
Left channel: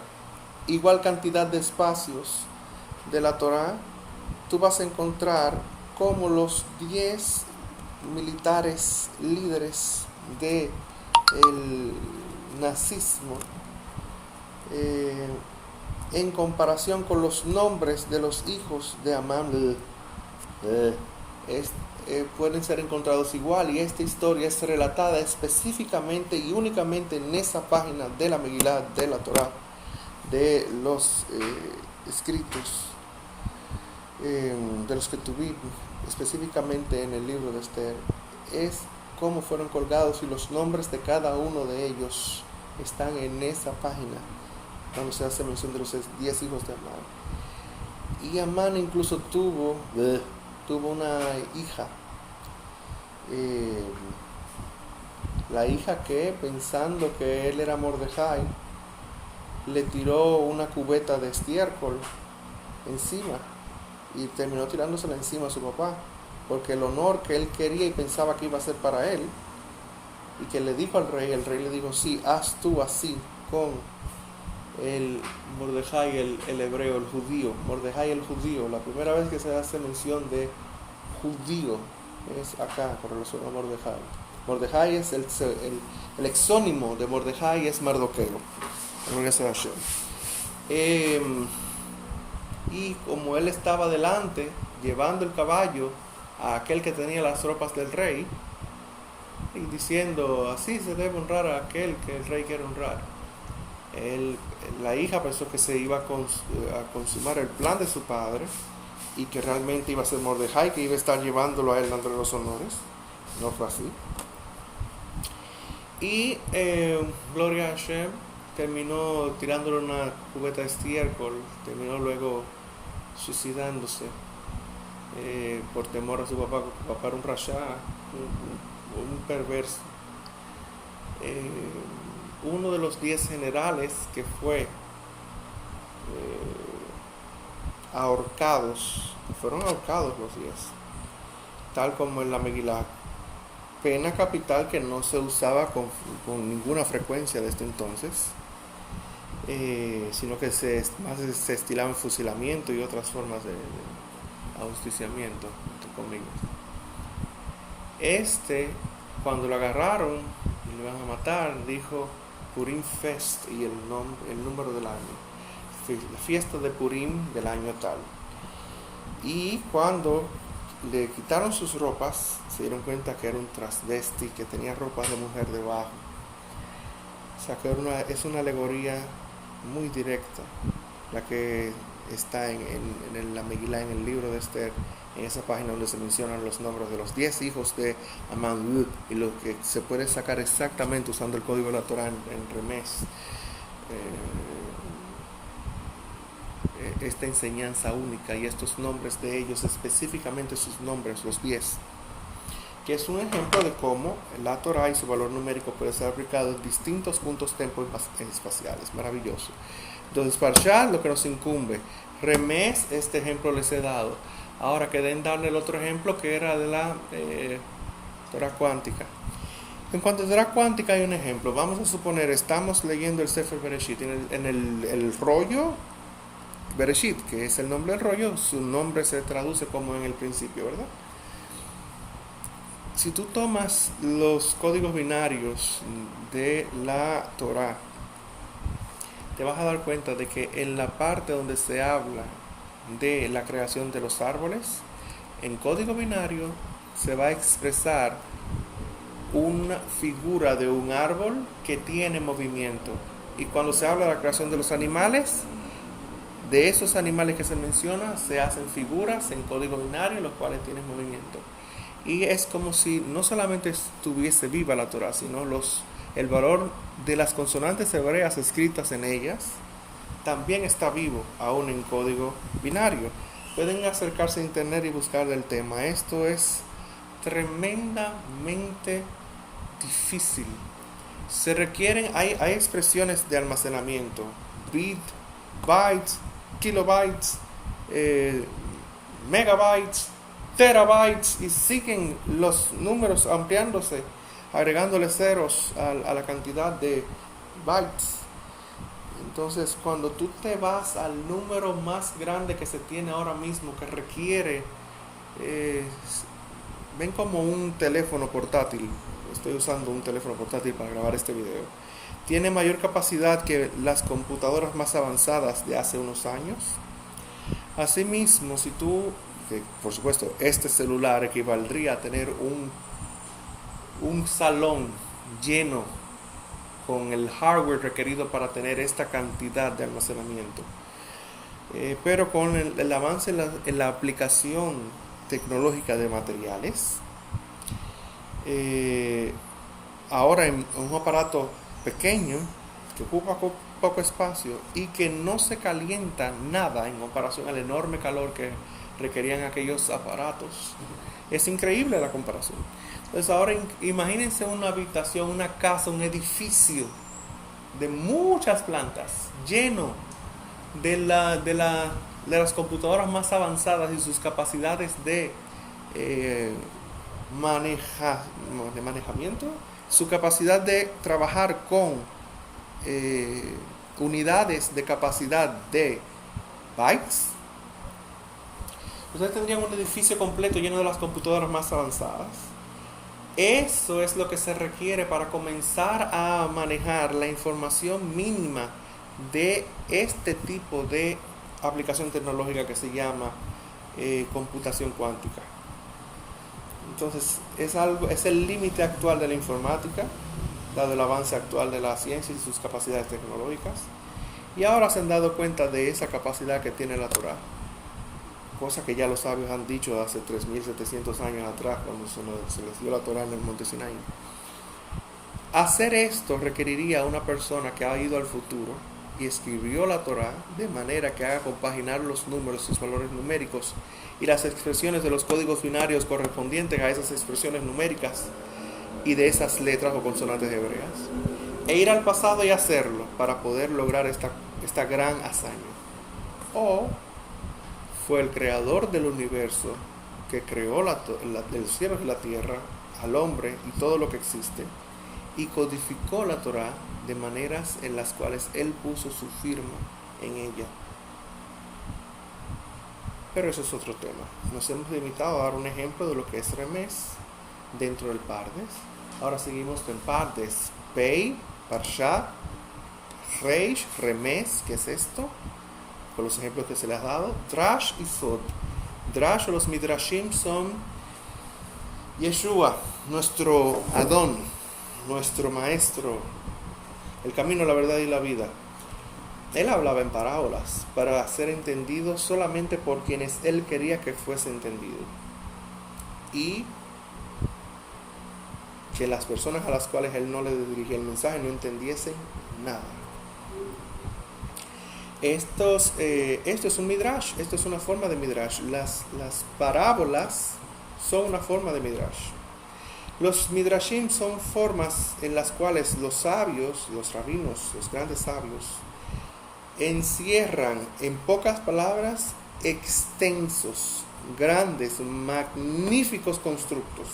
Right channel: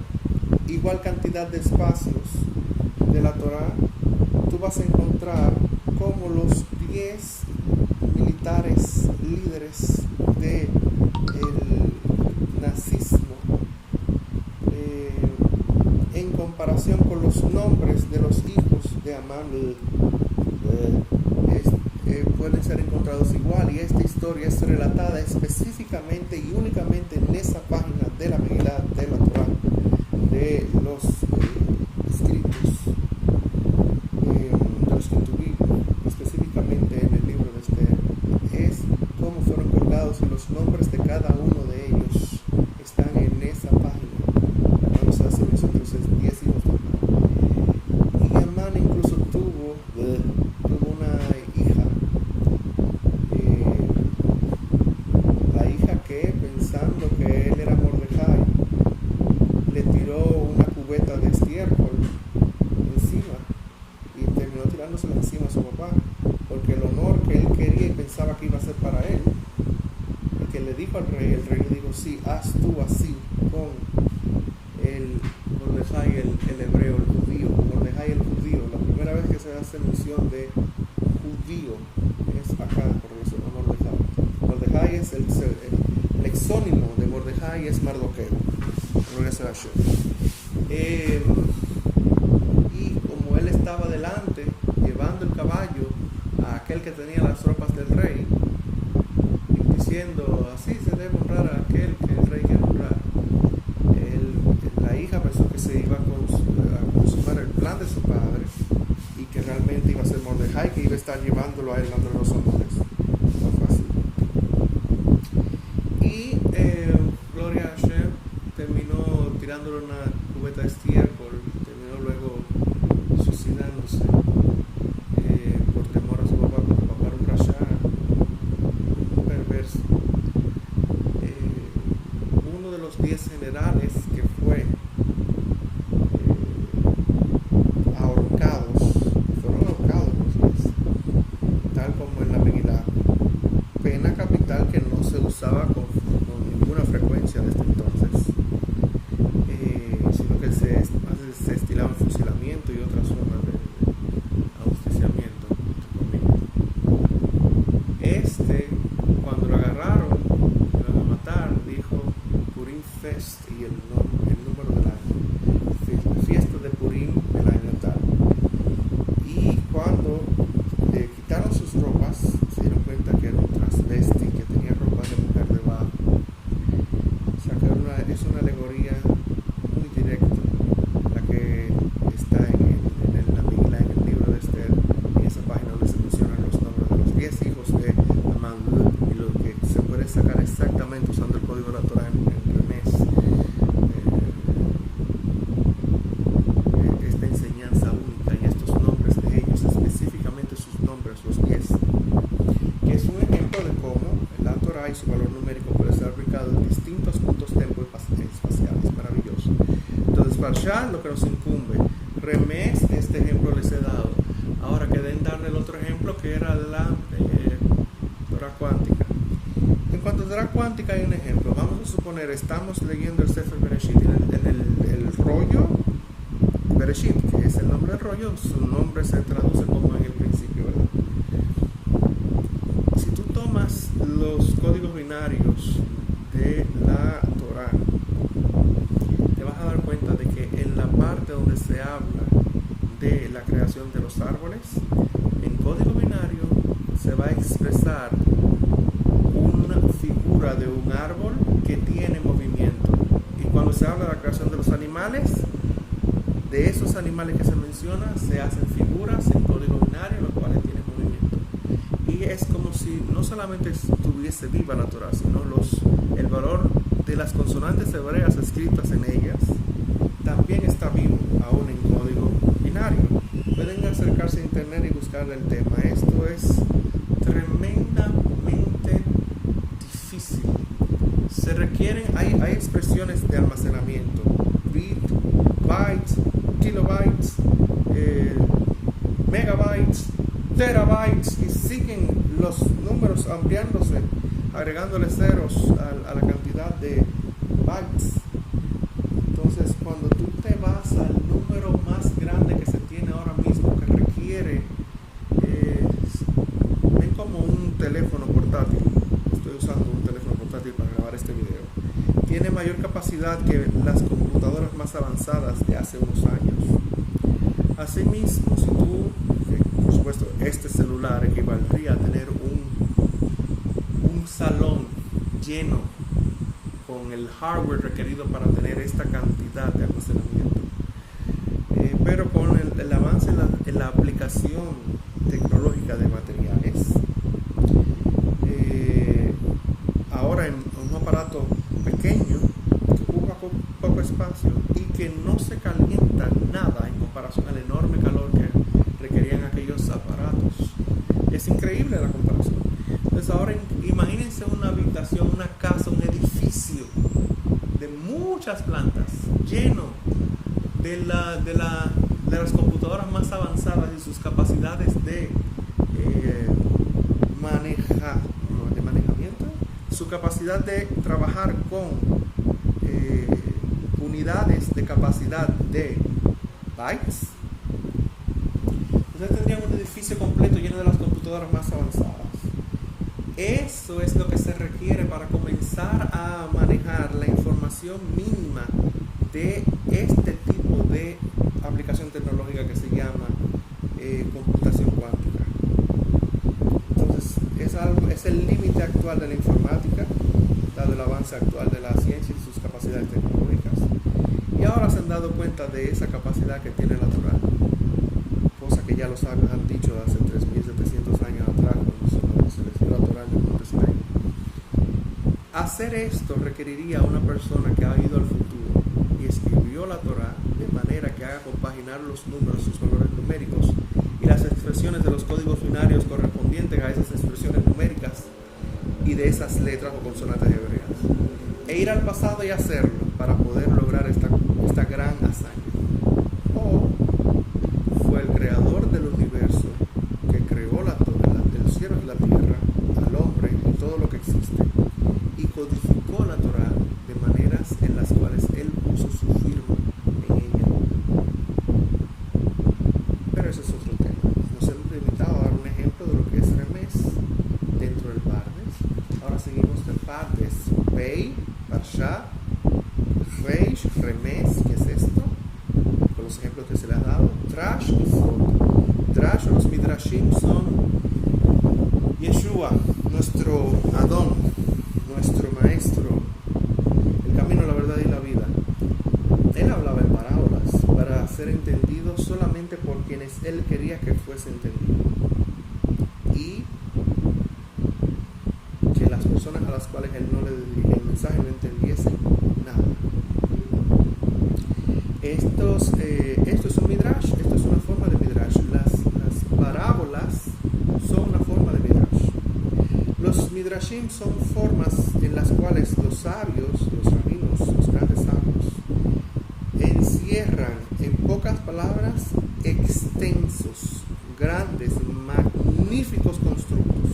igual cantidad de espacios de la Torah. Tú vas a encontrar cómo los 10 militares líderes del nazismo, en comparación con los nombres de los hijos de Amán, pueden ser encontrados igual, y esta historia es relatada específicamente y únicamente en esa página de la Megilá, de la Torah, de los escritos de los que tuvimos, específicamente en el libro de Esther. Es cómo fueron colgados y los nombres de cada uno de ellos están en esa página, donde se hace mención de los 10 hijos de Amán. Y Amán incluso tuvo una hija, la hija que, pensando que él era Mordejai, le tiró una cubeta de estiércol encima y terminó tirándosela encima a su papá, porque el honor que él quería y pensaba que iba a ser para él, y que le dijo al rey, el rey le dijo: sí, haz tú así con el Mordejai, el hebreo, el judío. Mordejai el judío, la primera vez que se hace mención de judío es acá con relación a Mordejai. Mordejai es el exónimo de Mordejai, es Mardoqueo. Y como él estaba delante llevando el caballo a aquel que tenía las tropas del rey, y diciendo: así se debe honrar a aquel que el rey quiere honrar, la hija pensó que se iba a consumar el plan de su padre y que realmente iba a ser Mordejai que iba a estar llevándolo a él, dándole los honores. No fue así. Y Gloria a Hashem, terminó tirándole una cubeta de estiércol, terminó luego suicidándose por temor a su papá, porque su papá era un rasha, un perverso. Uno de los 10 generales que fue fueron ahorcados los 10, tal como en la Megilá, pena capital que no se usaba con ninguna frecuencia desde entonces, sino que se estilaban fusilamiento y otras formas de ajusticiamiento, cuando lo agarraron, le iban a matar, dijo Purim Fest y el número del año, la fiesta de Purim del año tal. Y cuando le quitaron sus ropas, se dieron cuenta que era un transvesti, que tenía ropas de mujer debajo. O sea que es una alegoría muy directa la que está en la Megilá, en el libro de Esther, en esa página donde se mencionan los nombres de los 10 hijos de Amán, y lo que se puede sacar exactamente usando el código de la Torah en Remés, esta enseñanza única y estos nombres de ellos, específicamente sus nombres, los 10, que es un ejemplo de cómo la Torah y su valor numérico puede ser aplicado en distintos puntos tiempo y espaciales. Maravilloso. Entonces, Parshá, lo que nos incumbe. Remés, este ejemplo les he dado. Ahora queden darle el otro ejemplo, que era de la Torah cuántica. En cuanto a Torah cuántica hay un ejemplo. Vamos a suponer, estamos leyendo el Sefer Bereshit, en el rollo Bereshit, que es el nombre del rollo, su nombre se traduce como en el principio, ¿verdad? Si tú tomas los códigos binarios de la Torah, te vas a dar cuenta de que en la parte donde se habla de la creación de los árboles, en código binario se va a expresar una figura de un árbol que tiene movimiento. Y cuando se habla de la creación de los animales, de esos animales que se menciona, se hacen figuras en código binario, los cuales tienen movimiento. Y es como si no solamente estuviese viva la Torah, sino el valor de las consonantes hebreas escritas en ellas también está vivo, aún en código binario. Pueden acercarse a internet y buscar el tema. Esto es tremendamente difícil. Se requieren, hay expresiones de almacenamiento, bit, bytes, kilobytes, megabytes, terabytes, y siguen los números ampliándose, agregándole ceros a la cantidad de bytes. Entonces, cuando tú te vas al número más grande que se tiene ahora mismo, que requiere, ven como un teléfono portátil. Estoy usando un teléfono portátil para grabar este video. Tiene mayor capacidad que las computadoras más avanzadas de hace unos años. Asimismo, si tú, por supuesto, este celular equivaldría a tener un salón lleno con el hardware requerido para tener esta cantidad de almacenamiento. Pero con el avance en la aplicación tecnológica de materiales, ahora en un aparato pequeño que ocupa poco espacio y que no se calienta nada en comparación al enorme calor que requerían aquellos aparatos. Es increíble la comparación. Entonces ahora imagínense una habitación, una casa, un edificio de muchas plantas, lleno de las computadoras más avanzadas y sus capacidades de manejamiento, su capacidad de trabajar con unidades de capacidad de bytes. Ustedes tendrían un edificio completo lleno de las computadoras más avanzadas. Eso es lo que se requiere para comenzar a manejar la información mínima de este tipo de aplicación tecnológica que se llama computación cuántica. Entonces, es el límite actual de la informática, dado el avance actual de la ciencia y sus capacidades tecnológicas. Y ahora se han dado cuenta de esa capacidad que tiene la Torá, cosa que ya los sabios han dicho hace 3.700 años atrás, cuando se les dio la Torá en el monte Sinaí. Hacer esto requeriría a una persona que ha ido al futuro y escribió la Torá de manera que haga compaginar los números, sus valores numéricos y las expresiones de los códigos binarios correspondientes a esas expresiones numéricas y de esas letras o consonantes hebreas, e ir al pasado y hacerlo para poder lograr esta gran hazaña. O fue el creador del universo que creó el cielo y la tierra, al hombre y todo lo que existe, y codificó la Torá de maneras en las cuales él puso su firma en ella. Pero eso es otro tema. Nos hemos limitado a dar un ejemplo de lo que es Remés dentro del Pardes. Ahora seguimos del Pardes. Pei, Parsha, Reish, Remés, ¿qué es esto? Con los ejemplos que se les ha dado. Drash y Sod. Drash o los Midrashim son Yeshua, nuestro Adón, nuestro Maestro, el camino, la verdad y la vida. Él hablaba en parábolas para ser entendido solamente por quienes él quería que fuese entendido, y que las personas a las cuales él no le dirigía el mensaje no entendiesen nada. Esto es un midrash, esto es una forma de midrash. Las parábolas son una forma de midrash. Los midrashim son formas en las cuales los sabios, los rabinos, los grandes sabios, encierran en pocas palabras extensos, grandes, magníficos constructos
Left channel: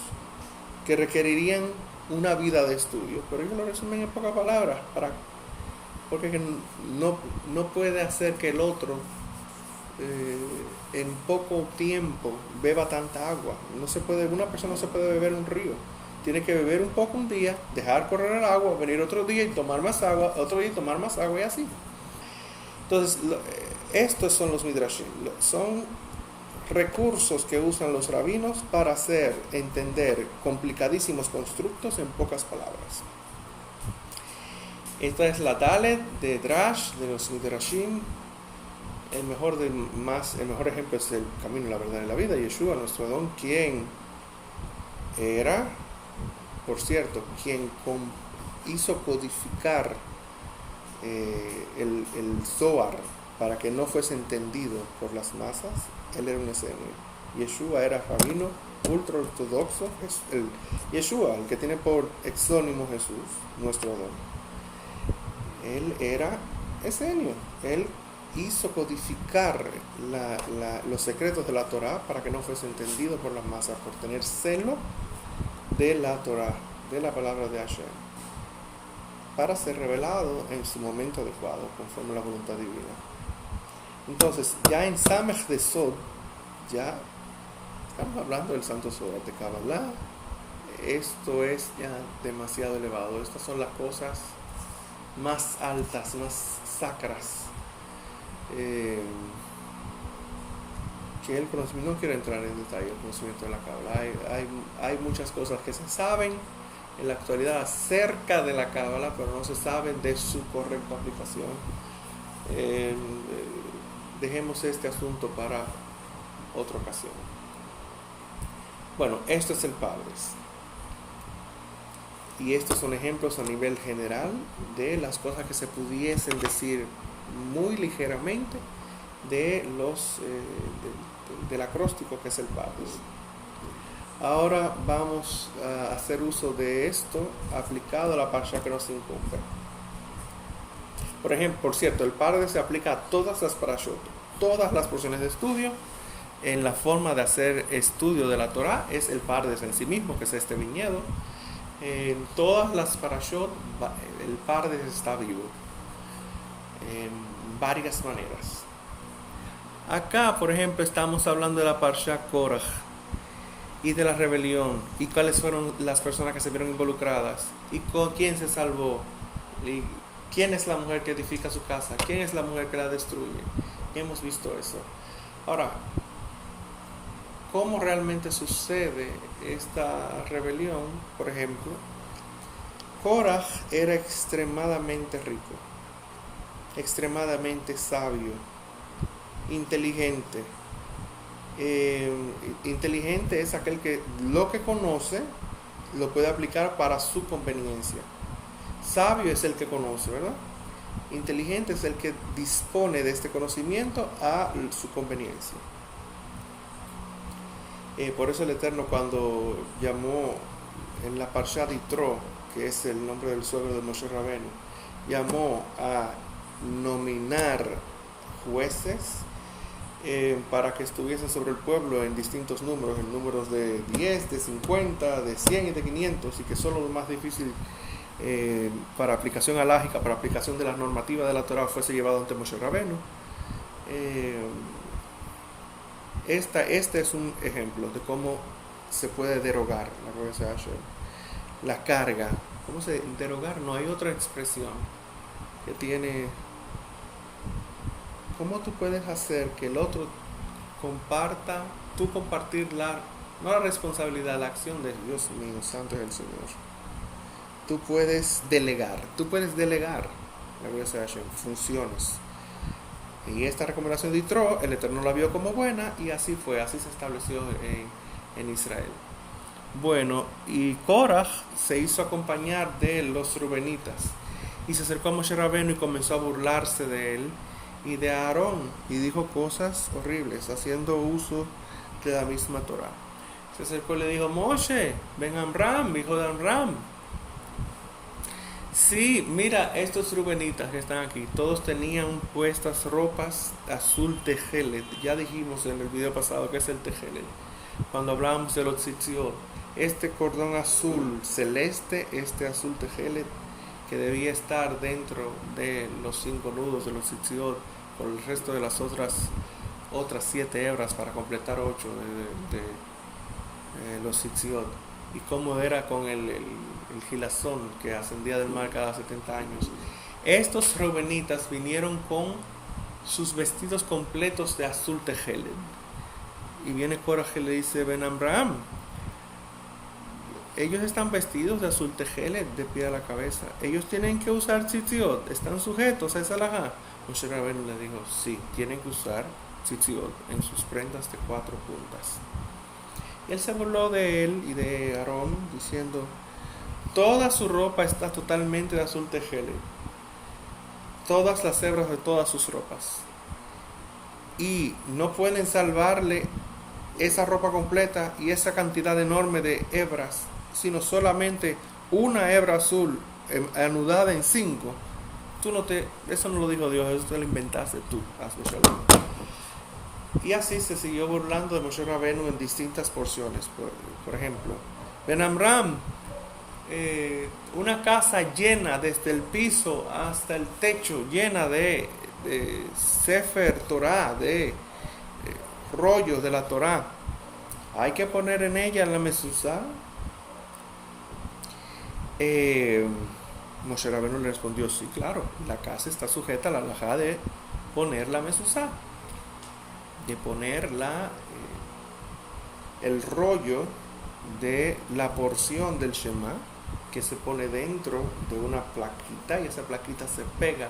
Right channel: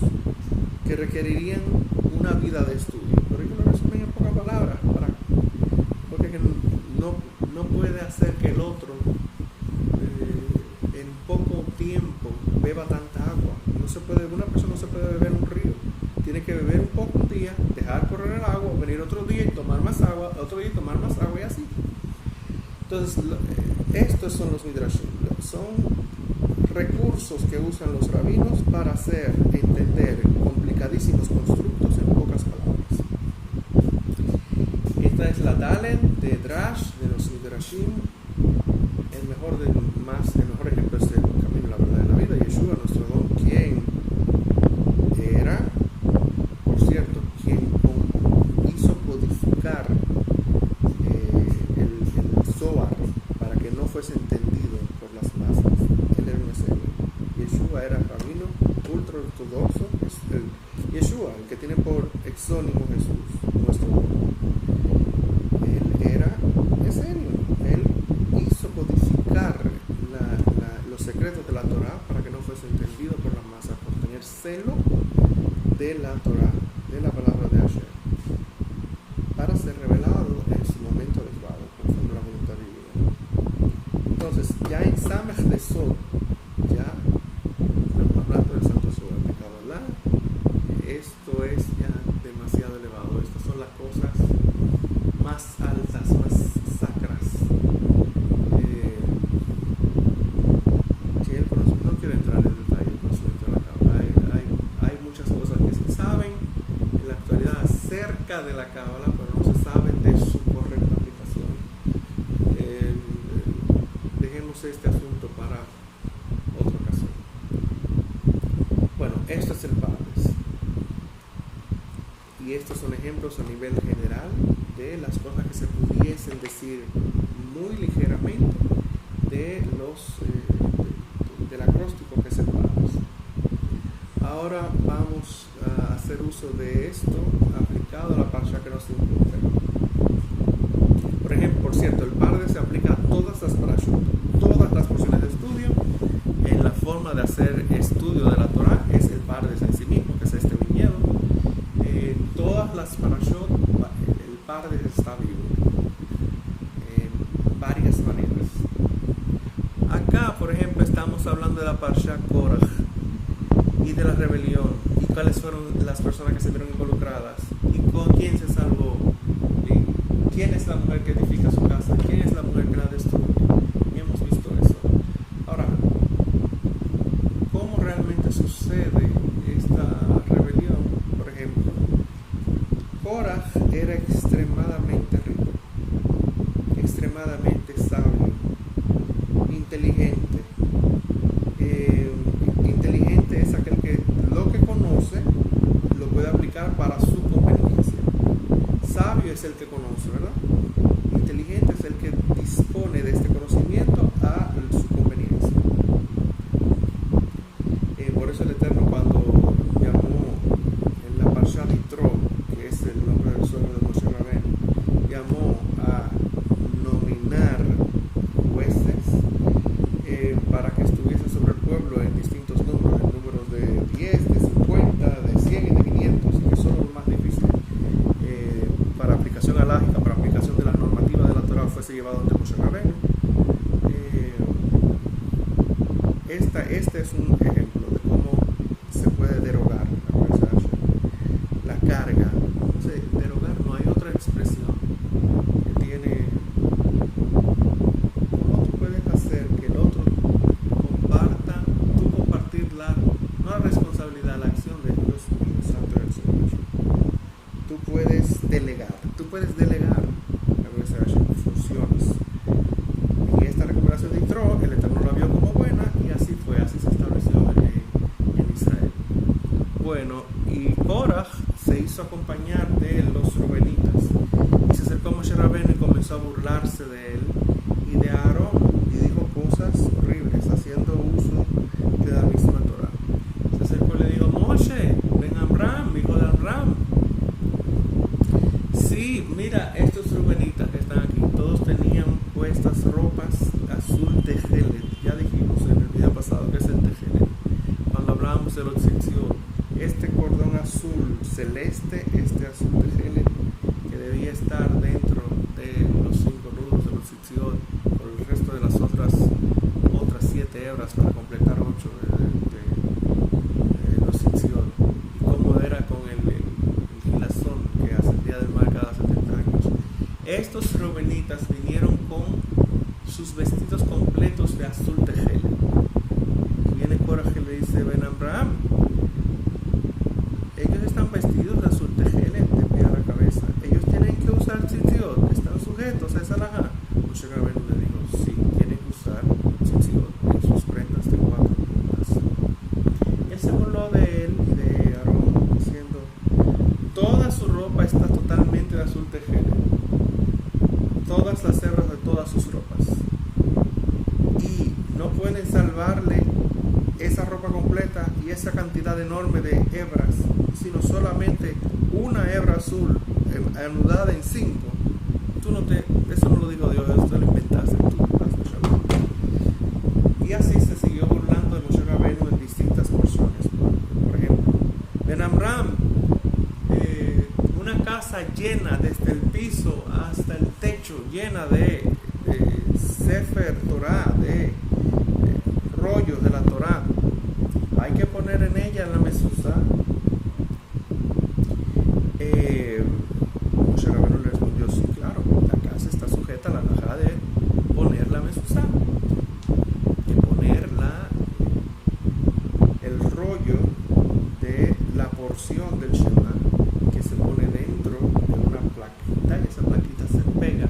que requerirían una vida de estudio, pero ellos lo resumen en pocas palabras, porque no puede hacer que el otro en poco tiempo beba tanta agua. Una persona no se puede beber un río. Tiene que beber un poco un día, dejar correr el agua, venir otro día y tomar más agua, otro día y tomar más agua, y así. Entonces, estos son los midrashim. Son recursos que usan los rabinos para hacer entender complicadísimos constructos en pocas palabras. Esta es la Dalet de Drash, de los midrashim. El mejor ejemplo es el camino, la verdad y la vida. Yeshua, nuestro Adón, quien era, por cierto, quien hizo codificar el Zohar para que no fuese entendido por las masas. Él era un esemio. Yeshua era rabino ultra ortodoxo, es el Yeshua, el que tiene por exónimo Jesús, nuestro Dios. Él era esenio, él hizo codificar los secretos de la Torá para que no fuese entendido por las masas, por tener celo de la Torá, de la palabra de Hashem, para ser revelado en su momento adecuado, conforme a la voluntad divina. Entonces, ya en Samech de Sod, ya estamos hablando del Santo Zohar de Kabbalah. Esto es ya demasiado elevado. Estas son las cosas más altas, más sacras, que el conocimiento, no quiero entrar en detalle el conocimiento de la Kabbalah. Hay muchas cosas que se saben en la actualidad acerca de la Kabbalah, pero no se saben de su correcta aplicación. Dejemos este asunto para otra ocasión. Bueno, esto es el Pardes. Y estos son ejemplos a nivel general de las cosas que se pudiesen decir muy ligeramente de del acróstico que es el Pardes. Ahora vamos a hacer uso de esto aplicado a la parsha que nos incumbe. Por ejemplo, por cierto, el Pardes se aplica a todas las parashot, todas las porciones de estudio. En la forma de hacer estudio de la Torah es el Pardes en sí mismo, que es este viñedo. En todas las parashot el Pardes está vivo en varias maneras. Acá, por ejemplo, estamos hablando de la parsha Korach y de la rebelión y cuáles fueron las personas que se vieron involucradas y con quién se salvó, y quién es la mujer que edifica su casa, quién es la mujer que la destruye. Y hemos visto eso. Ahora, ¿cómo realmente sucede esta rebelión? Por ejemplo, Korach era extremadamente rico, extremadamente sabio, inteligente. Inteligente es aquel que lo que conoce lo puede aplicar para su conveniencia. Sabio es el que conoce, ¿verdad? Inteligente es el que dispone de este conocimiento a su conveniencia. Por eso el Eterno, cuando llamó en la Parsha de Yitro, que es el nombre del suegro de Moshe Rabbeinu, llamó a nominar jueces para que estuviesen sobre el pueblo en distintos números, en números de 10, de 50, de 100 y de 500, y que son los más difíciles para aplicación alágica, para aplicación de las normativas de la Torah, fuese llevado ante Moshe Rabbeinu. Este es un ejemplo de cómo se puede derogar la cabeza de Hashem. La carga, ¿cómo se derogar? No hay otra expresión que tiene. ¿Cómo tú puedes hacer que el otro comparta, tú compartir no la responsabilidad, la acción de Dios mío, santo es el Señor? Tú puedes delegar la cabeza de Hashem funciones. Y esta recomendación de Yitro, el Eterno la vio como buena y así fue, así se estableció en Israel. Bueno, y Korach se hizo acompañar de los rubenitas y se acercó a Moshe Rabbeinu y comenzó a burlarse de él y de Aarón y dijo cosas horribles haciendo uso de la misma Torah. Se acercó y le dijo: Moshe, ben Amram, hijo de Amram. Sí, mira, estos rubenitas que están aquí, todos tenían puestas ropas azul tejelet. Ya dijimos en el video pasado que es el tejelet, cuando hablábamos de los tzitziot. Este cordón azul celeste, este azul tejelet, que debía estar dentro de los 5 nudos de los tzitziot, por el resto de las otras 7 hebras para completar 8 de los tzitziot. Y cómo era con el gilazón que ascendía del mar cada 70 años. Estos reubenitas vinieron con sus vestidos completos de azul tejelet. Y viene Korach y le dice: Ben Amram, ellos están vestidos de azul tejelet de pie a la cabeza. Ellos tienen que usar tzitziot, están sujetos a esa alajá. Moshe Rabbeinu le dijo: sí, tienen que usar tzitziot en sus prendas de 4 puntas. Y él se burló de él y de Aarón diciendo: toda su ropa está totalmente de azul tejelet, todas las hebras de todas sus ropas, y no pueden salvarle esa ropa completa y esa cantidad enorme de hebras, sino solamente una hebra azul anudada en 5. Eso no lo dijo Dios, eso lo inventaste tú. Y así se siguió burlando de Moshe Rabenu en distintas porciones. Por ejemplo, Ben Amram, una casa llena desde el piso hasta el techo, llena de Sefer Torah, de rollos de la Torah. Hay que poner en ella la mezuzá. Moshe Rabenu le respondió, sí, claro, la casa está sujeta a la halajá de poner la mezuzá, de poner el rollo de la porción del Shema que se pone dentro de una plaquita, y esa plaquita se pega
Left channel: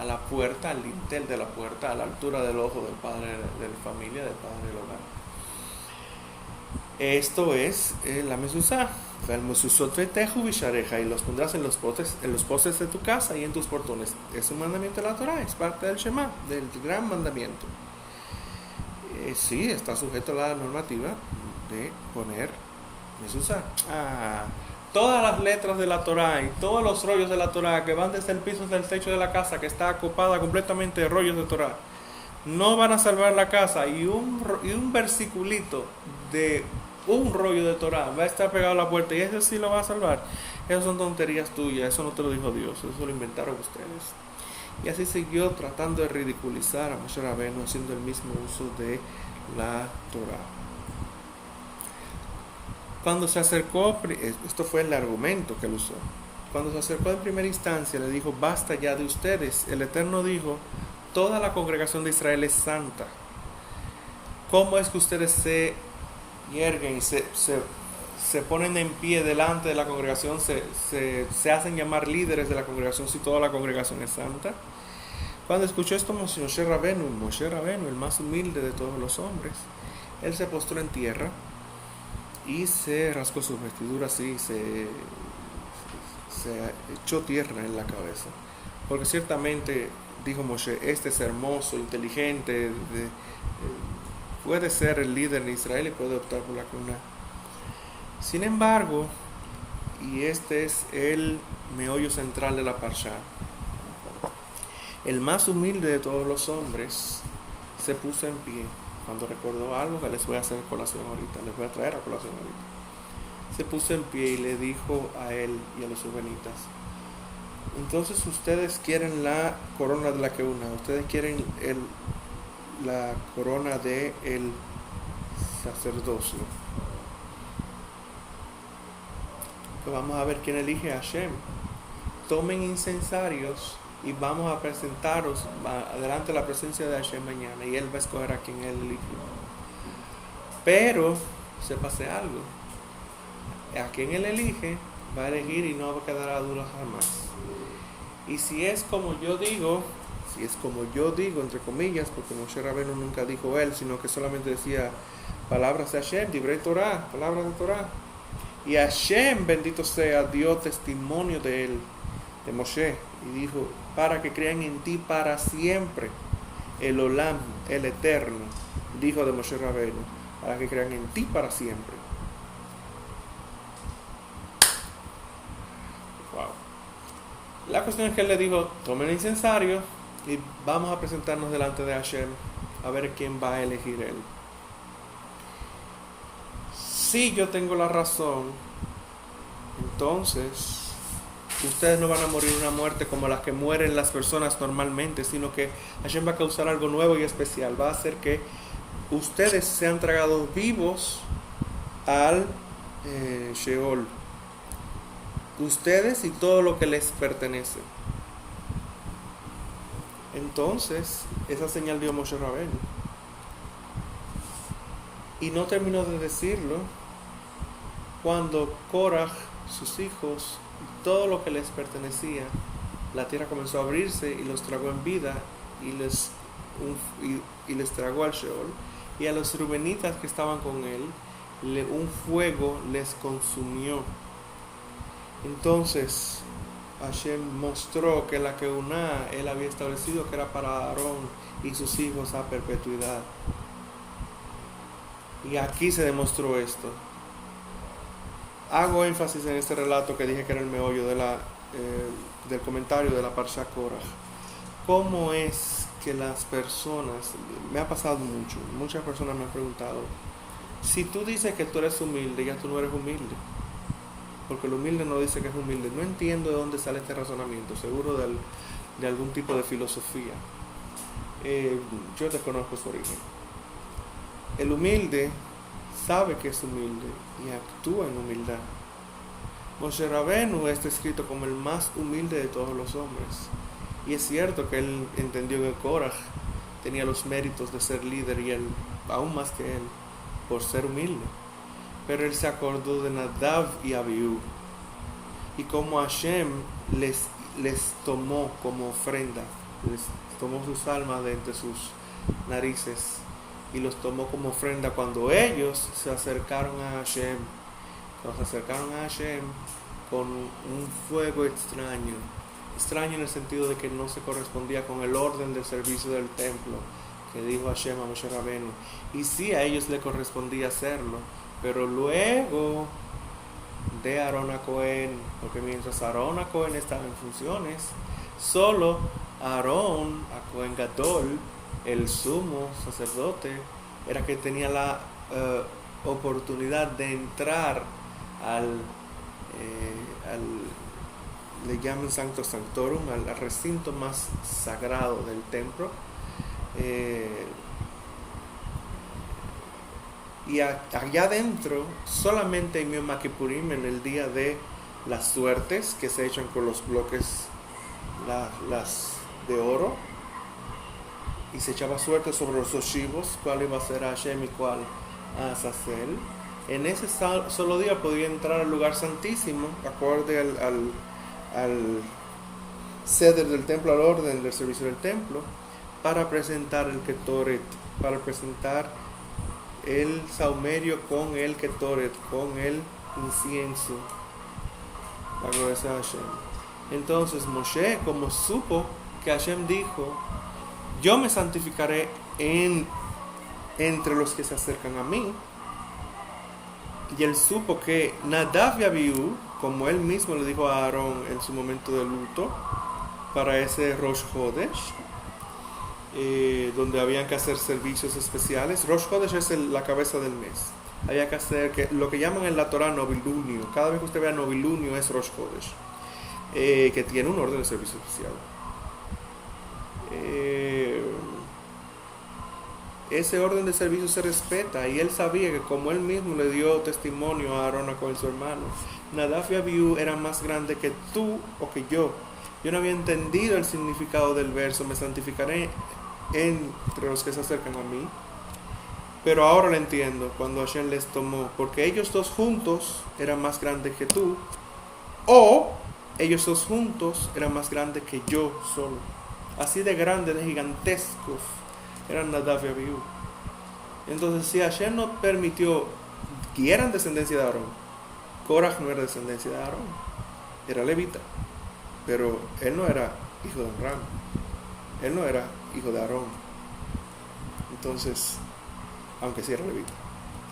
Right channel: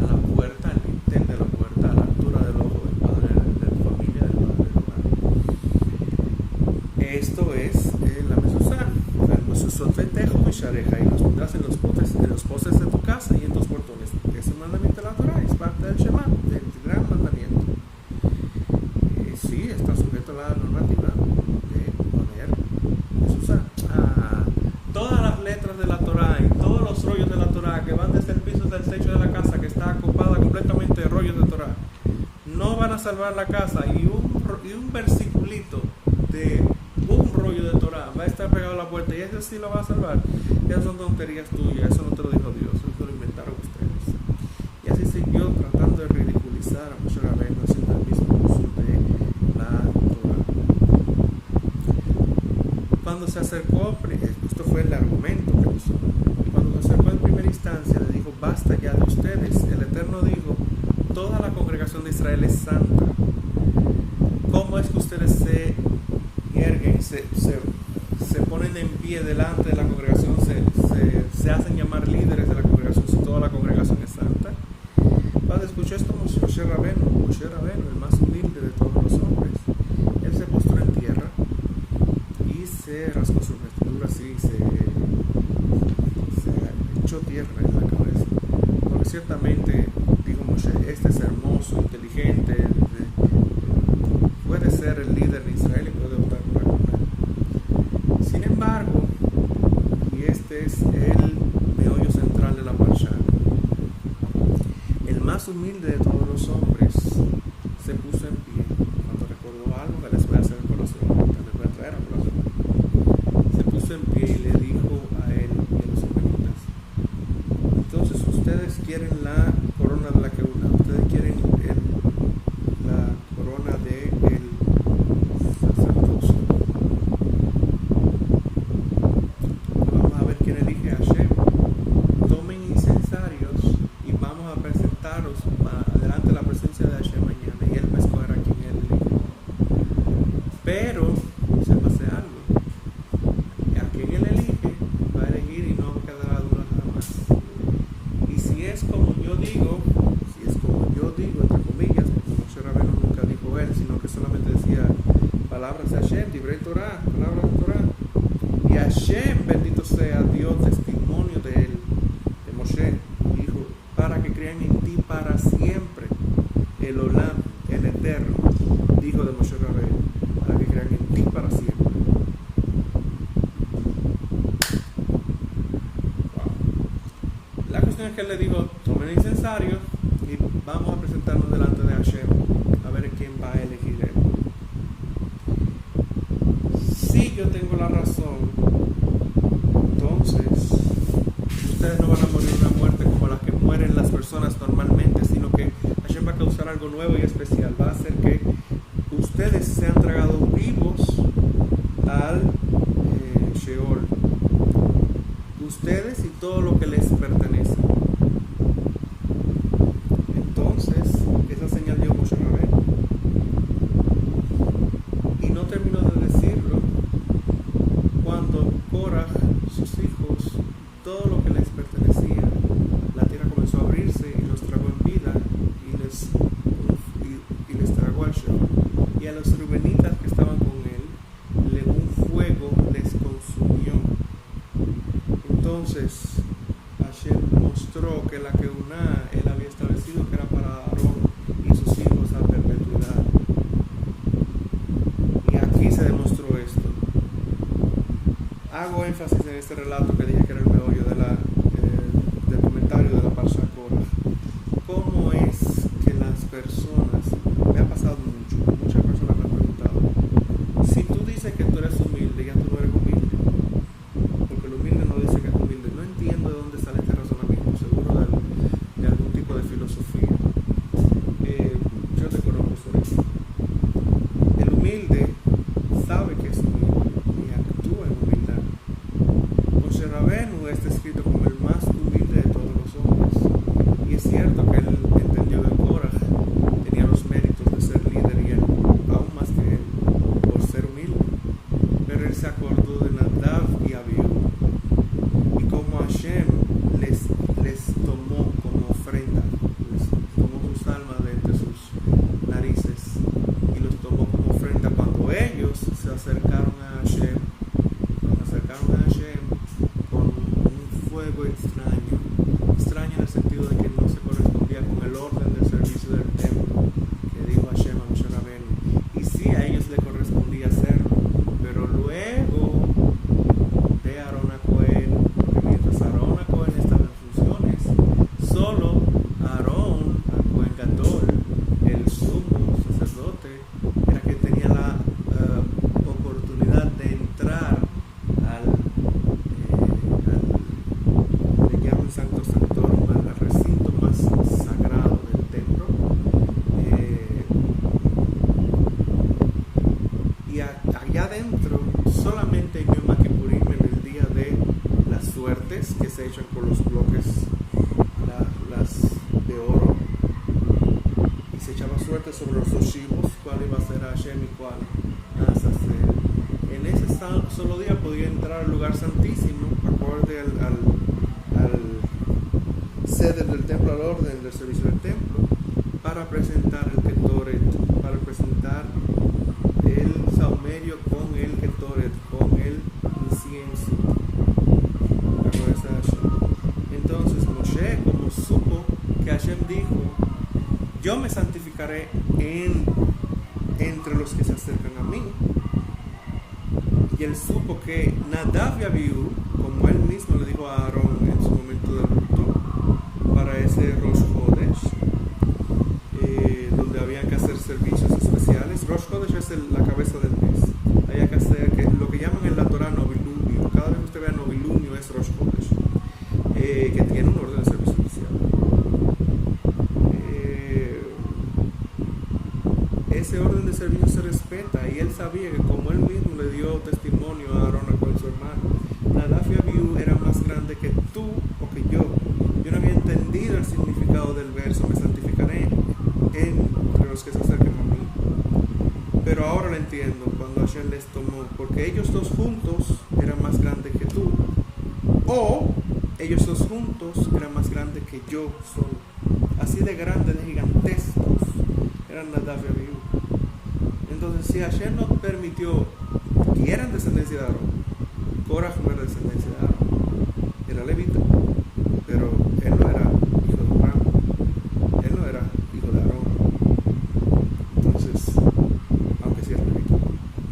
a la puerta, al lintel de la puerta, a la altura del ojo del padre de la familia, del padre del hogar. Esto es la mezuzá. El mezuzot vetejo bishareja, y los pondrás en los postes de tu casa y en tus portones. Es un mandamiento de la Torah, es parte del Shema, del gran mandamiento. Sí, está sujeto a la normativa de poner mezuzá. Todas las letras de la Torah y todos los rollos de la Torah que van desde el piso hasta el techo de la casa, que está ocupada completamente de rollos de Torah, no van a salvar la casa, y un versiculito de un rollo de Torah va a estar pegado a la puerta, y eso sí lo va a salvar. Esas son tonterías tuyas, eso no te lo dijo Dios, eso lo inventaron ustedes. Y así siguió tratando de ridiculizar a Moshe Rabenu, haciendo el mismo uso de la Torah. Cuando se acercó, esto fue el argumento que usó, cuando se acercó en primera instancia, le dijo, basta ya de ustedes. El Eterno dijo, toda la congregación de Israel es santa. ¿Cómo es que ustedes se yerguen, se ponen en pie delante de la congregación, se hacen llamar líderes de la congregación si toda la congregación es santa? Cuando escuchó esto Moshe Rabenu, el más humilde de todos los hombres, él se postró en tierra y se rascó sus vestiduras y se echó tierra en la cabeza, porque ciertamente, dijo Moshe, este es hermoso, inteligente, puede ser el líder de Israel y puede optar por la corona. Sin embargo, y este es el meollo central de la parsha, el más humilde de todos los hombres se puso en pie cuando recordó algo que les voy a hacer en colación ahorita, les voy a traer a colación ahorita. Se puso en pie y le dijo a él y a los rubenitas, entonces ustedes quieren la corona de la keuna, ustedes quieren la corona del sacerdocio. Vamos a ver quién elige a Hashem. Tomen incensarios y vamos a presentaros delante de la presencia de Hashem mañana, y él va a escoger a quien él elige. Pero sépase algo, a quien él elige va a elegir y no quedará duda jamás. Y si es como yo digo, entre comillas, porque Moshe Rabenu nunca dijo él, sino que solamente decía palabras de Hashem, divrei Torah, palabras de Torah. Y Hashem, bendito sea Dios, testimonio de él, de Moshe, y dijo, para que crean en ti para siempre, el Olam, el Eterno, dijo de Moshe Rabenu, para que crean en ti para siempre. Wow. La cuestión es que él le dijo, tomen el incensario y vamos a presentarnos delante de Hashem a ver quién va a elegir él. Si yo tengo la razón, entonces ustedes no van a morir una muerte como las que mueren las personas normalmente, sino que Hashem va a causar algo nuevo y especial. Va a hacer que ustedes sean tragados vivos al Sheol, ustedes y todo lo que les pertenece. Entonces, esa señal dio Moshe Rabenu. Y no terminó de decirlo cuando Korah, sus hijos, todo lo que les pertenecía, la tierra comenzó a abrirse y los tragó en vida y les tragó al Sheol. Y a los rubenitas que estaban con él, un fuego les consumió. Entonces Hashem mostró que la Keuná él había establecido que era para Aarón y sus hijos a perpetuidad. Y aquí se demostró esto. Hago énfasis en este relato que dije que era el meollo del comentario de la Parsha Korah. ¿Cómo es que las personas, me ha pasado mucho, muchas personas me han preguntado, si tú dices que tú eres humilde, ya tú no eres humilde? Porque el humilde no dice que es humilde. No entiendo de dónde sale este razonamiento, seguro de algún tipo de filosofía. Yo desconozco su origen. El humilde sabe que es humilde y actúa en humildad. Moshe Rabenu está escrito como el más humilde de todos los hombres. Y es cierto que él entendió que Korah tenía los méritos de ser líder y él, aún más que él, por ser humilde. Pero él se acordó de Nadav y Abiú. Y como Hashem les tomó como ofrenda, les tomó sus almas de entre sus narices y los tomó como ofrenda cuando ellos se acercaron a Hashem. Nos acercaron a Hashem con un fuego extraño en el sentido de que no se correspondía con el orden del servicio del templo que dijo Hashem a Moshe Rabenu. Y sí, a ellos le correspondía hacerlo, pero luego de Aarón a Cohen, porque mientras Aarón a Cohen estaba en funciones, solo Aarón a Cohen Gadol, el sumo sacerdote, era que tenía la oportunidad de entrar al le llaman Sancto Sanctorum, al recinto más sagrado del templo, y allá adentro solamente en Yom Kippurim, en el día de las suertes que se echan con los bloques las de oro, y se echaba suerte sobre los oshivos, cuál iba a ser Hashem y cuál a Azazel. En ese solo día podía entrar al lugar santísimo, acorde al ceder del templo, al orden del servicio del templo, para presentar el Ketoret, para presentar el saumerio con el Ketoret, con el incienso. Entonces Moshe, como supo que Hashem dijo, yo me santificaré entre los que se acercan a mí, y él supo que Nadav y Abiú, como él mismo le dijo a Aarón en su momento de luto, para ese Rosh Hodesh, donde habían que hacer servicios especiales. Rosh Hodesh es la cabeza del mes. Había que hacer lo que llaman en la Torah novilunio. Cada vez que usted vea novilunio es Rosh Hodesh, que tiene un orden de servicio especial. Ese orden de servicio se respeta, y él sabía que como él mismo le dio testimonio a Aarón, con su hermano, Nadav y Abiú eran más grandes que tú o que yo. Yo no había entendido el significado del verso, me santificaré entre los que se acercan a mí. Pero ahora lo entiendo, cuando Hashem les tomó, porque ellos dos juntos eran más grandes que tú, o ellos dos juntos eran más grandes que yo solo. Así de grandes, de gigantescos eran Nadav y Abiú. Entonces, si Hashem no permitió que eran descendencia de Aarón, Korah no era descendencia de Aarón, era levita, pero él no era hijo de Abraham, él no era hijo de Aarón. Entonces, aunque sí era levita.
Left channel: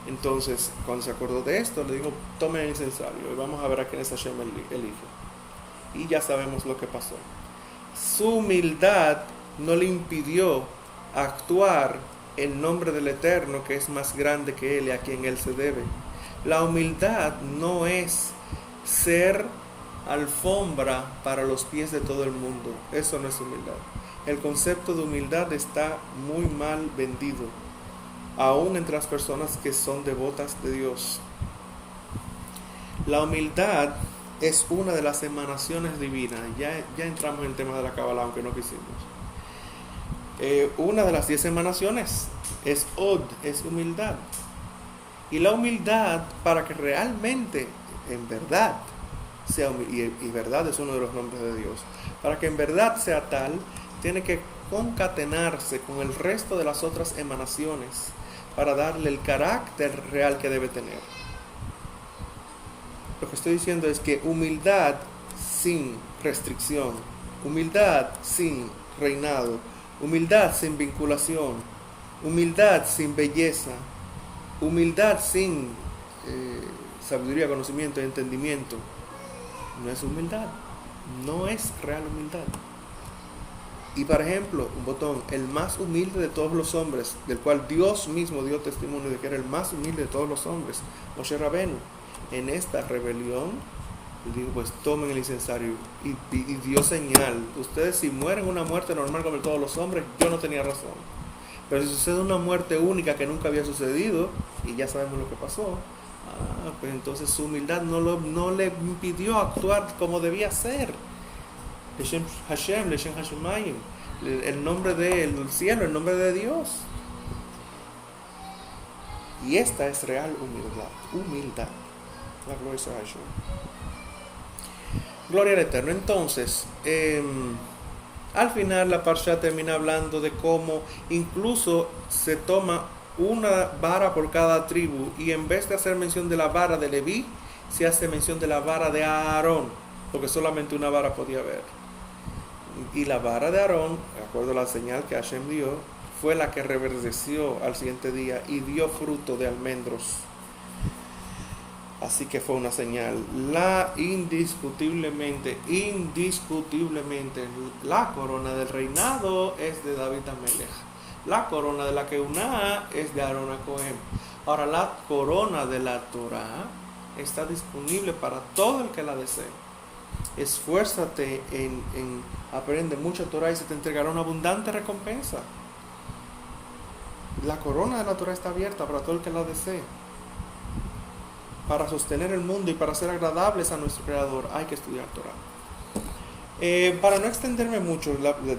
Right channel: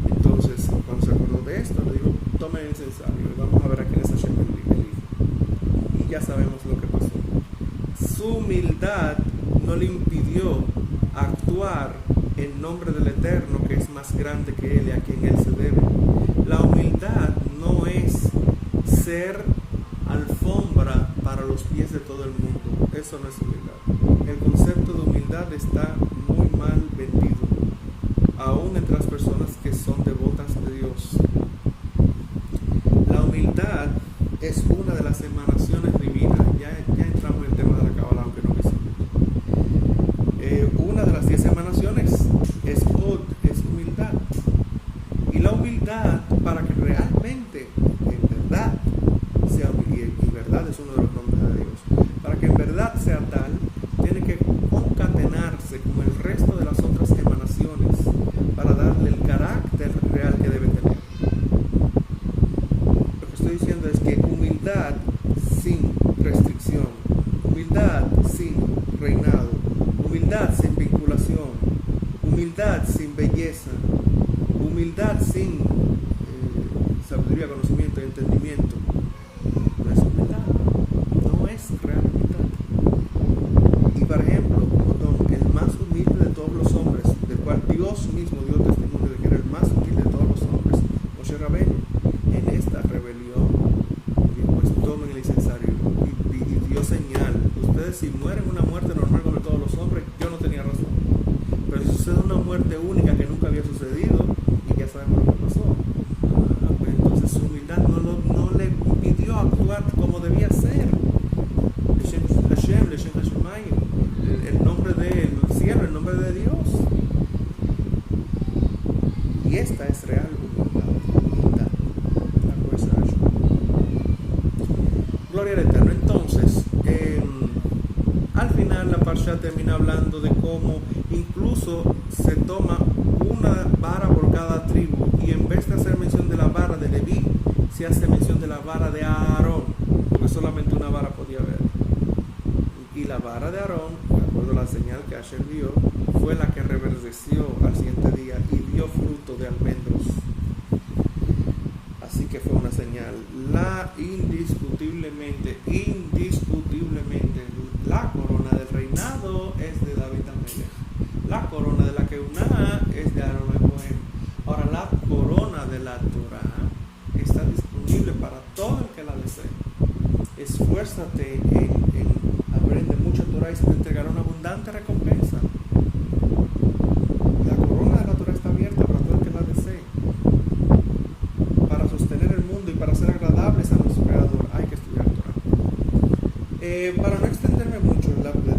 Entonces, cuando se acordó de esto, le digo, tome el incensario y vamos a ver a quién es Hashem elige. Y ya sabemos lo que pasó. Su humildad no le impidió actuar en nombre del Eterno, que es más grande que él y a quien él se debe. La humildad no es ser alfombra para los pies de todo el mundo. Eso no es humildad. El concepto de humildad está muy mal vendido, aún entre las personas que son devotas de Dios. La humildad es una de las emanaciones divinas. Ya entramos en el tema de la Kabbalah, aunque no quisimos. Una de las 10 emanaciones es Od, es humildad. Y la humildad, para que realmente, en verdad, sea humildad, y verdad es uno de los nombres de Dios, para que en verdad sea tal, tiene que concatenarse con el resto de las otras emanaciones para darle el carácter real que debe tener. Lo que estoy diciendo es que humildad sin restricción, humildad sin reinado, humildad sin vinculación, humildad sin belleza, Humildad sin sabiduría, conocimiento y entendimiento no es humildad, no es real humildad. Y por ejemplo, botón, el más humilde de todos los hombres, del cual Dios mismo dio testimonio de que era el más humilde de todos los hombres, Moshe Rabenu, en esta rebelión, dijo, pues tomen el incensario y dio señal. Ustedes si mueren una muerte normal como todos los hombres, yo no tenía razón. Pero si sucede una muerte única que nunca había sucedido, y ya sabemos lo que pasó, pues entonces su humildad no le impidió actuar como debía ser. Leshem Hashem, Leshem Hashemayim, el nombre del cielo, el nombre de Dios. Y esta es real humildad. La gloria a Hashem. Gloria al Eterno. Entonces, al final la parsha termina hablando de cómo incluso se toma una vara por cada tribu, y en vez de hacer mención de la vara de Leví, se hace mención de la vara de Aarón, porque solamente una vara podía haber. Y la vara de Aarón, de acuerdo a la señal que Hashem dio, fue la que reverdeció al siguiente día y dio fruto de almendros. Así que fue una señal. Indiscutiblemente, la corona del reinado es de David Amelech. La corona de la Keuná es de Aarón Cohen. Ahora, la corona de la Torah está disponible para todo el que la desee. Esfuérzate en aprender mucha Torah y se te entregará una abundante recompensa. La corona de la Torah está abierta para todo el que la desee. Para sostener el mundo y para ser agradables a nuestro Creador hay que estudiar Torah. Para no extenderme mucho,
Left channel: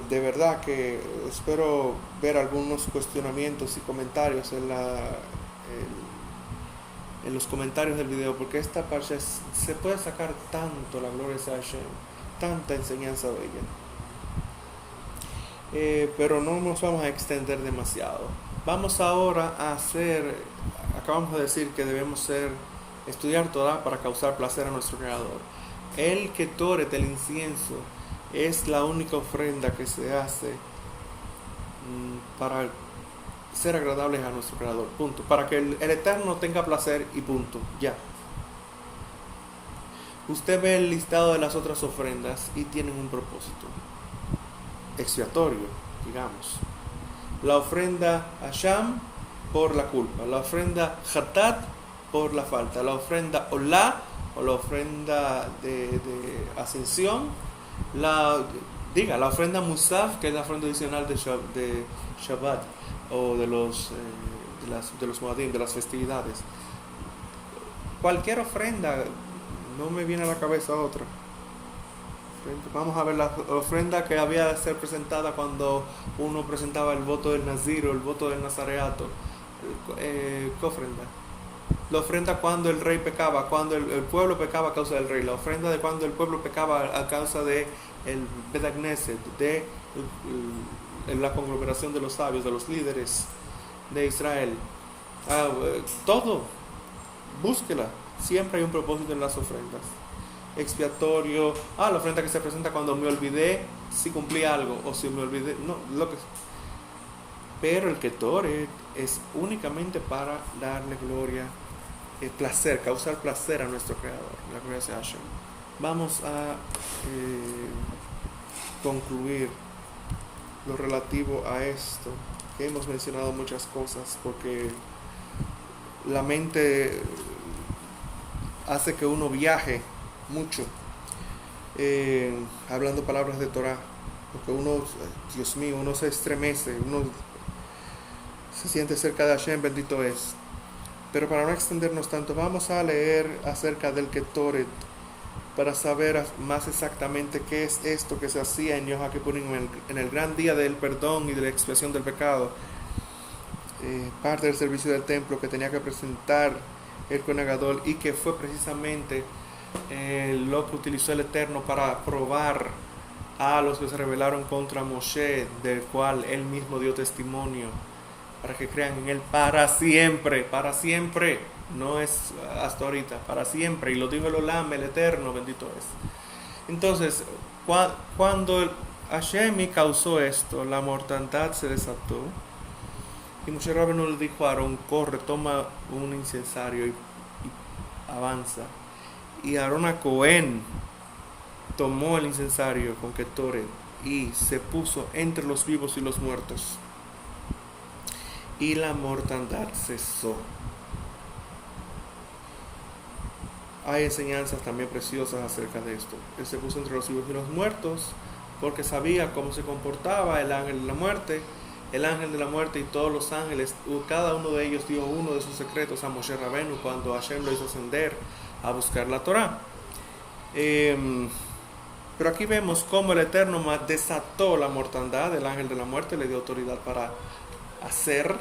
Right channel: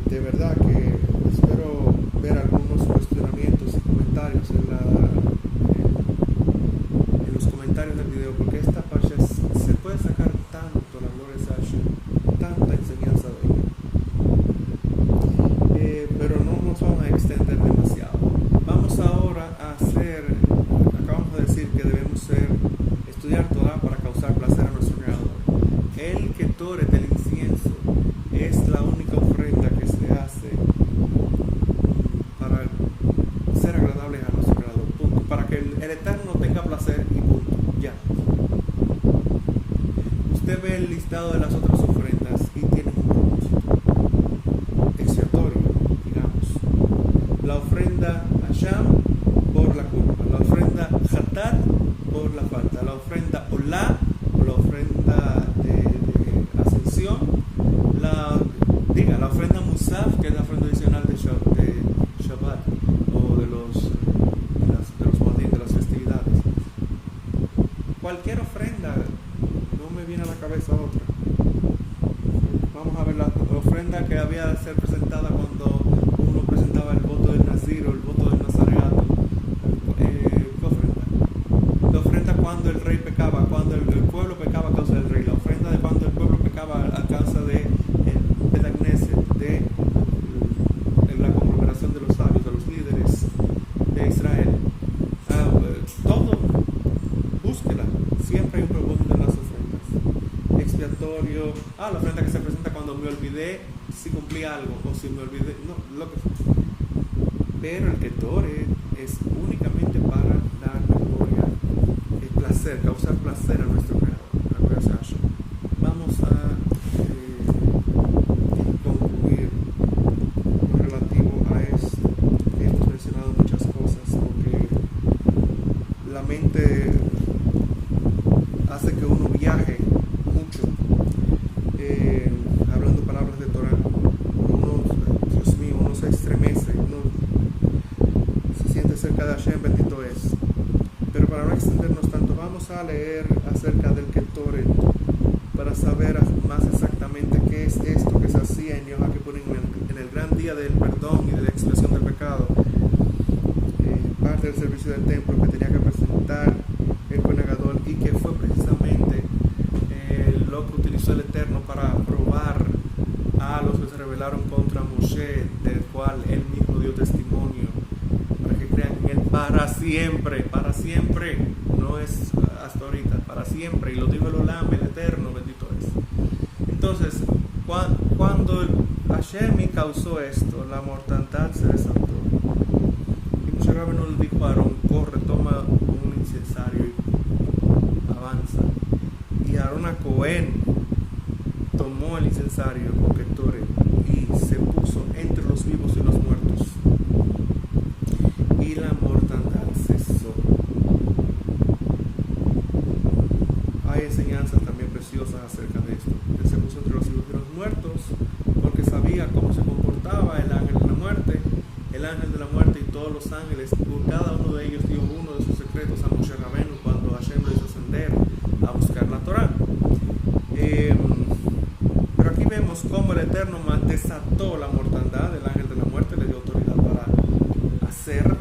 de verdad que espero ver algunos cuestionamientos y comentarios en los comentarios del video, porque esta parsha se puede sacar tanto, la gloria de Hashem, tanta enseñanza bella. Pero no nos vamos a extender demasiado. Vamos ahora a acabamos de decir que debemos estudiar Torah para causar placer a nuestro Creador. El Ketoret, el incienso, es la única ofrenda que se hace para ser agradables a nuestro Creador, punto. Para que el Eterno tenga placer y punto, ya. Usted ve el listado de las otras ofrendas y tienen un propósito expiatorio, digamos. La ofrenda Hasham por la culpa, la ofrenda Hatat por la falta, la ofrenda Olá o la ofrenda de ascensión, la ofrenda Musaf, que es la ofrenda adicional de Shabbat o de los Moadim, de las festividades. Cualquier ofrenda, no me viene a la cabeza otra. Vamos a ver la ofrenda que había de ser presentada cuando uno presentaba el voto del Nazir o el voto del Nazareato. ¿Qué ofrenda? La ofrenda cuando el rey pecaba, cuando el pueblo pecaba a causa del rey. La ofrenda de cuando el pueblo pecaba a causa de el Bedagneset, de la conglomeración de los sabios, de los líderes de Israel. Todo, búsquela. Siempre hay un propósito en las ofrendas. Expiatorio, la ofrenda que se presenta cuando me olvidé si cumplí algo, o si me olvidé, no, lo que. Pero el Ketoret es únicamente para darle gloria, placer, causar placer a nuestro Creador. La gloria sea Hashem. Vamos a concluir lo relativo a esto, que hemos mencionado muchas cosas, porque la mente hace que uno viaje mucho, hablando palabras de Torah, que uno, Dios mío, uno se estremece, uno se siente cerca de Hashem, bendito es. Pero para no extendernos tanto, vamos a leer acerca del Ketoret para saber más exactamente qué es esto que se hacía en Yom Kippurim, en el gran día del perdón y de la expiación del pecado. Parte del servicio del templo que tenía que presentar el Kohen Gadol, y que fue precisamente lo que utilizó el Eterno para probar a los que se rebelaron contra Moshe, del cual él mismo dio testimonio, para que crean en él para siempre, no es hasta ahorita, para siempre. Y lo dijo el Olam, el Eterno, bendito es. Entonces, cuando Hashem causó esto, la mortandad se desató. Y Moshe Rabbeinu le dijo a Aarón, corre, toma un incensario y avanza. Y Aarón a Cohen tomó el incensario con Ketoret y se puso entre los vivos y los muertos. Y la mortandad cesó. Hay enseñanzas también preciosas acerca de esto. Él se puso entre los vivos y los muertos porque sabía cómo se comportaba el ángel de la muerte. El ángel de la muerte y todos los ángeles, cada uno de ellos dio uno de sus secretos a Moshe Rabbeinu cuando Hashem lo hizo ascender a buscar la Torá. Pero aquí vemos cómo el Eterno desató la mortandad. El ángel de la muerte le dio autoridad para hacer,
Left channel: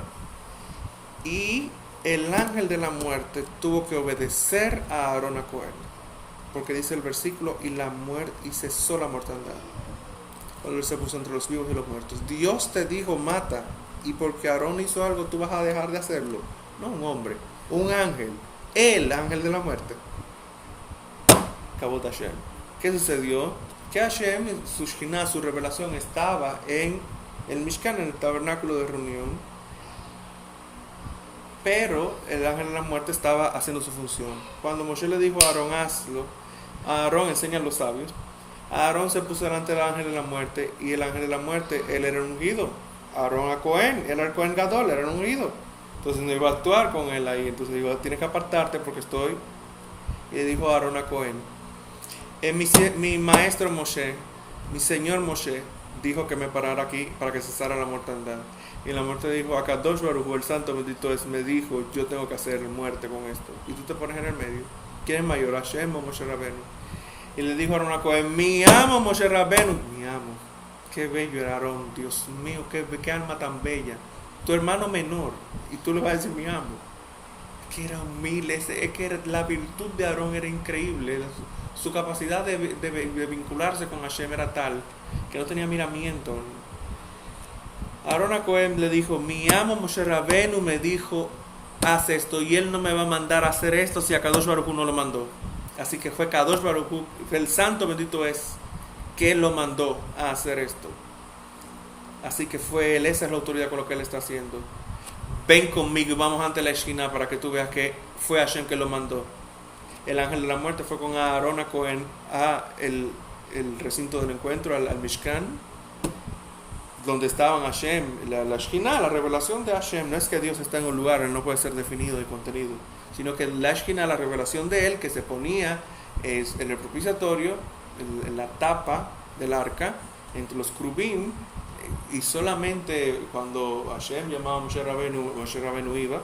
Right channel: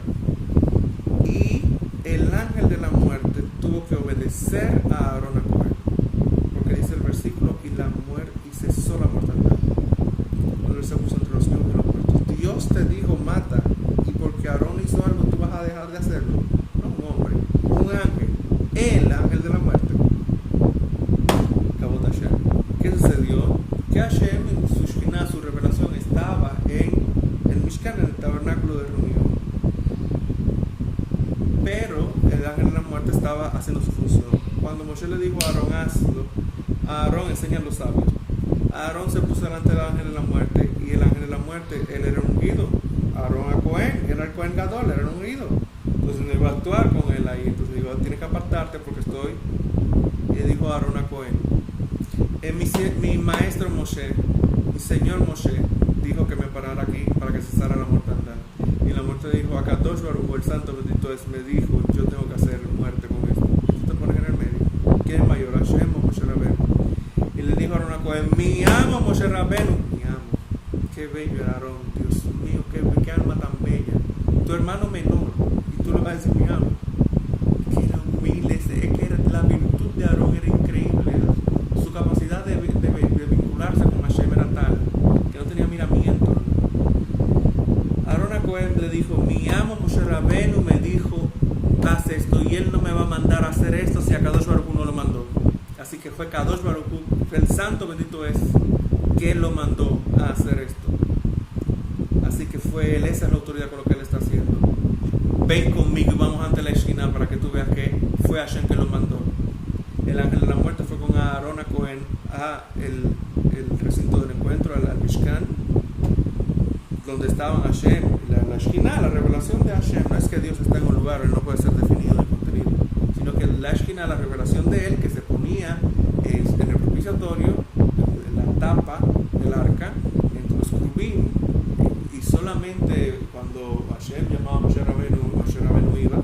y el ángel de la muerte tuvo que obedecer a Aarón a Cohen, porque dice el versículo, y cesó la mortandad cuando él se puso entre los vivos y los muertos. Dios te dijo mata, y porque Aarón hizo algo tú vas a dejar de hacerlo. No un hombre, un ángel, el ángel de la muerte. Kabot Hashem. ¿Qué sucedió? Que Hashem, su Shekhinah, su revelación, estaba en el Mishkan, en el tabernáculo de reunión, pero el ángel de la muerte estaba haciendo su función. Cuando Moshe le dijo a Aarón, hazlo, a Aarón enseña a los sabios. Aarón se puso delante del ángel de la muerte, y el ángel de la muerte, él era ungido. Aarón a Cohen, era el Cohen Gadol, era ungido. Entonces no iba a actuar con él ahí. Entonces dijo, tienes que apartarte porque estoy. Y le dijo a Aarón a Cohen, mi maestro Moshe, mi señor Moshe, dijo que me parara aquí para que cesara la mortandad. Y la muerte dijo, a Kadosh Baruj Hu, el santo bendito es, me dijo, yo tengo que hacer muerte con esto. Y tú te pones en el medio. ¿Quién es mayor, Hashem o Moshe Rabbeinu? Y le dijo a Aarón a Cohen, mi amo Moshe Rabbeinu, mi amo. Qué bello era Aarón, Dios mío, qué alma tan bella. Tu hermano menor, y tú le vas a decir mi amo. Que era humilde, es que la virtud de Aarón era increíble. Su capacidad de vincularse con Hashem era tal que no tenía miramiento. Aarón a Cohen le dijo, mi amo Moshe Rabbeinu me dijo, haz esto, y él no me va a mandar a hacer esto si a Kadosh Baruj Hu no lo mandó. Así que fue Kadosh Baruj Hu, el santo bendito es, que lo mandó a hacer esto. Así que fue él, esa es la autoridad con lo que él está haciendo. Ven conmigo y vamos ante la esquina para que tú veas que fue Hashem que lo mandó. El ángel de la muerte fue con Aarón a Cohen a el recinto del encuentro, al Mishkan, donde estaban Hashem, la Shekhinah, la revelación de Hashem. No es que Dios está en un lugar, él no puede ser definido en contenido, sino que la Shekhinah, la revelación de él, que se ponía en el propiciatorio, en la tapa del arca, entre los crubim, y solamente cuando Hashem llamaba a Moshe Rabbeinu iba,